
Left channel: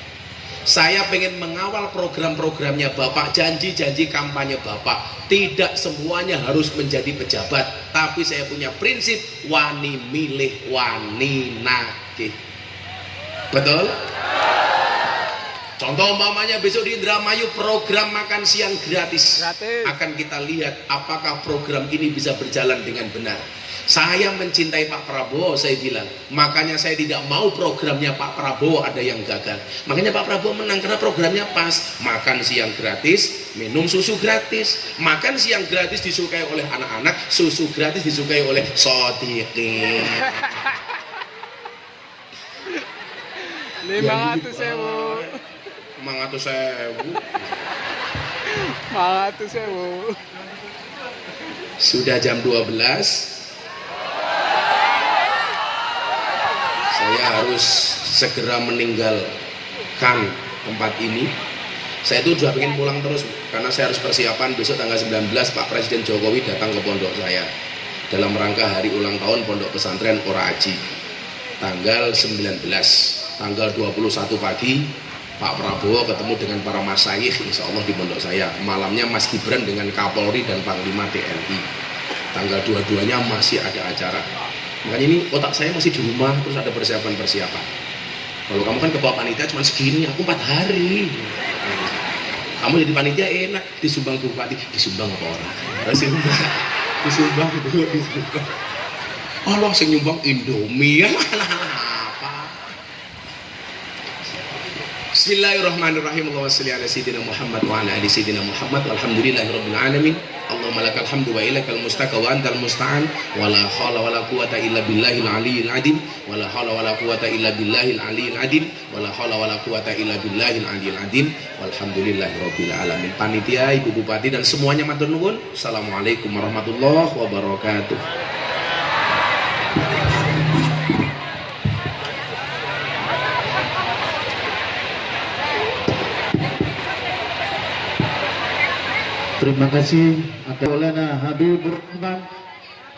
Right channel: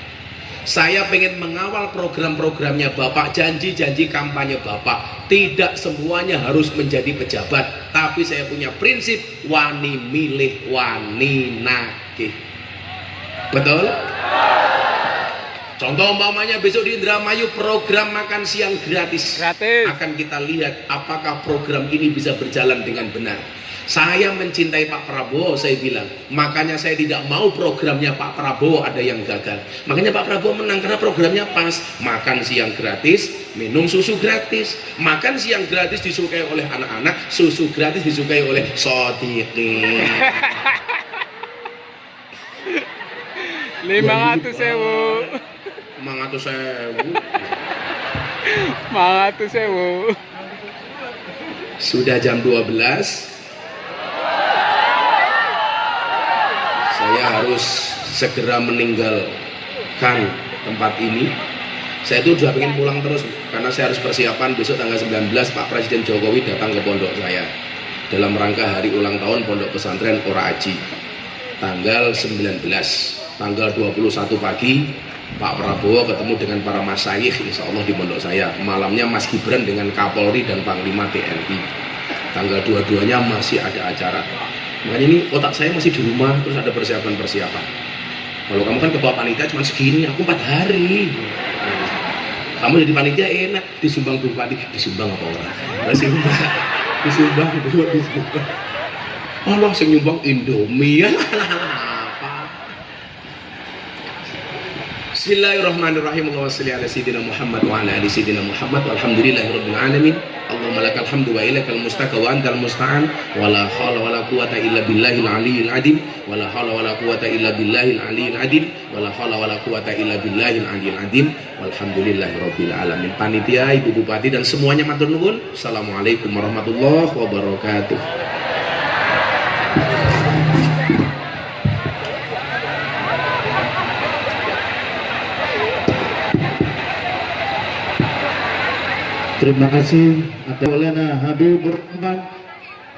Saya pengen mengawal program-programnya Bapak, janji-janji kampanye Bapak. Tidak semuanya harus menjadi pejabat, tapi saya punya prinsip wani milih, wani nagih. Betul? Contoh umpamanya besok di Indramayu program makan siang gratis. Akan kita lihat apakah program ini bisa berjalan dengan benar. Saya mencintai Pak Prabowo, saya bilang. Makanya saya tidak mau programnya Pak Prabowo ada yang gagal. Makanya Pak Prabowo menang karena programnya pas. Makan siang gratis, minum susu gratis. Makan siang gratis disukai oleh anak-anak, susu gratis disukai oleh Sodiqin. 500.000. 500.000. 500.000. Sudah jam 12. Saya harus segera meninggalkan tempat ini. Saya itu sudah pengen pulang terus karena saya harus persiapan besok tanggal 19 Pak Presiden Jokowi datang ke pondok saya dalam rangka hari ulang tahun Pondok Pesantren Ora Aji tanggal 19. Tanggal 21 pagi Pak Prabowo ketemu dengan para masyayikh insya Allah di pondok saya. Malamnya Mas Gibran dengan Kapolri dan Panglima TNI. Tanggal 22-nya masih ada acara. Makanya ini otak saya masih di rumah terus ada persiapan-persiapan. Kalau kamu kan kebawa panitia cuma segini, aku 4 hari. Kamu jadi panitia enak, disumbang bupati, disumbang apa orang? Disumbang. Allah sing nyumbang Indomie. Bismillahirrahmanirrahim. Allahumma shalli ala sayyidina Muhammad wa ala ali sayyidina Muhammad walhamdulillahirabbil alamin. Allahumma lakal hamdu wa ilaikal mustaka wa antal musta'an wa la haula wa la quwata illa billahil aliyyil azim wa la haula wa la quwata illa billahil aliyyil azim wa la haula wa la quwata illa billahil aliyyil azim walhamdulillahirabbil alamin. Panitia, Ibu Bupati dan semuanya matur nuwun. Assalamualaikum warahmatullahi wabarakatuh. Terima kasih atas Maulana Habibur Rahman.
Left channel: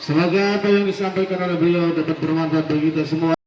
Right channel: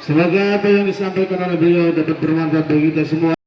Semoga apa yang disampaikan oleh beliau dapat bermanfaat bagi kita semua.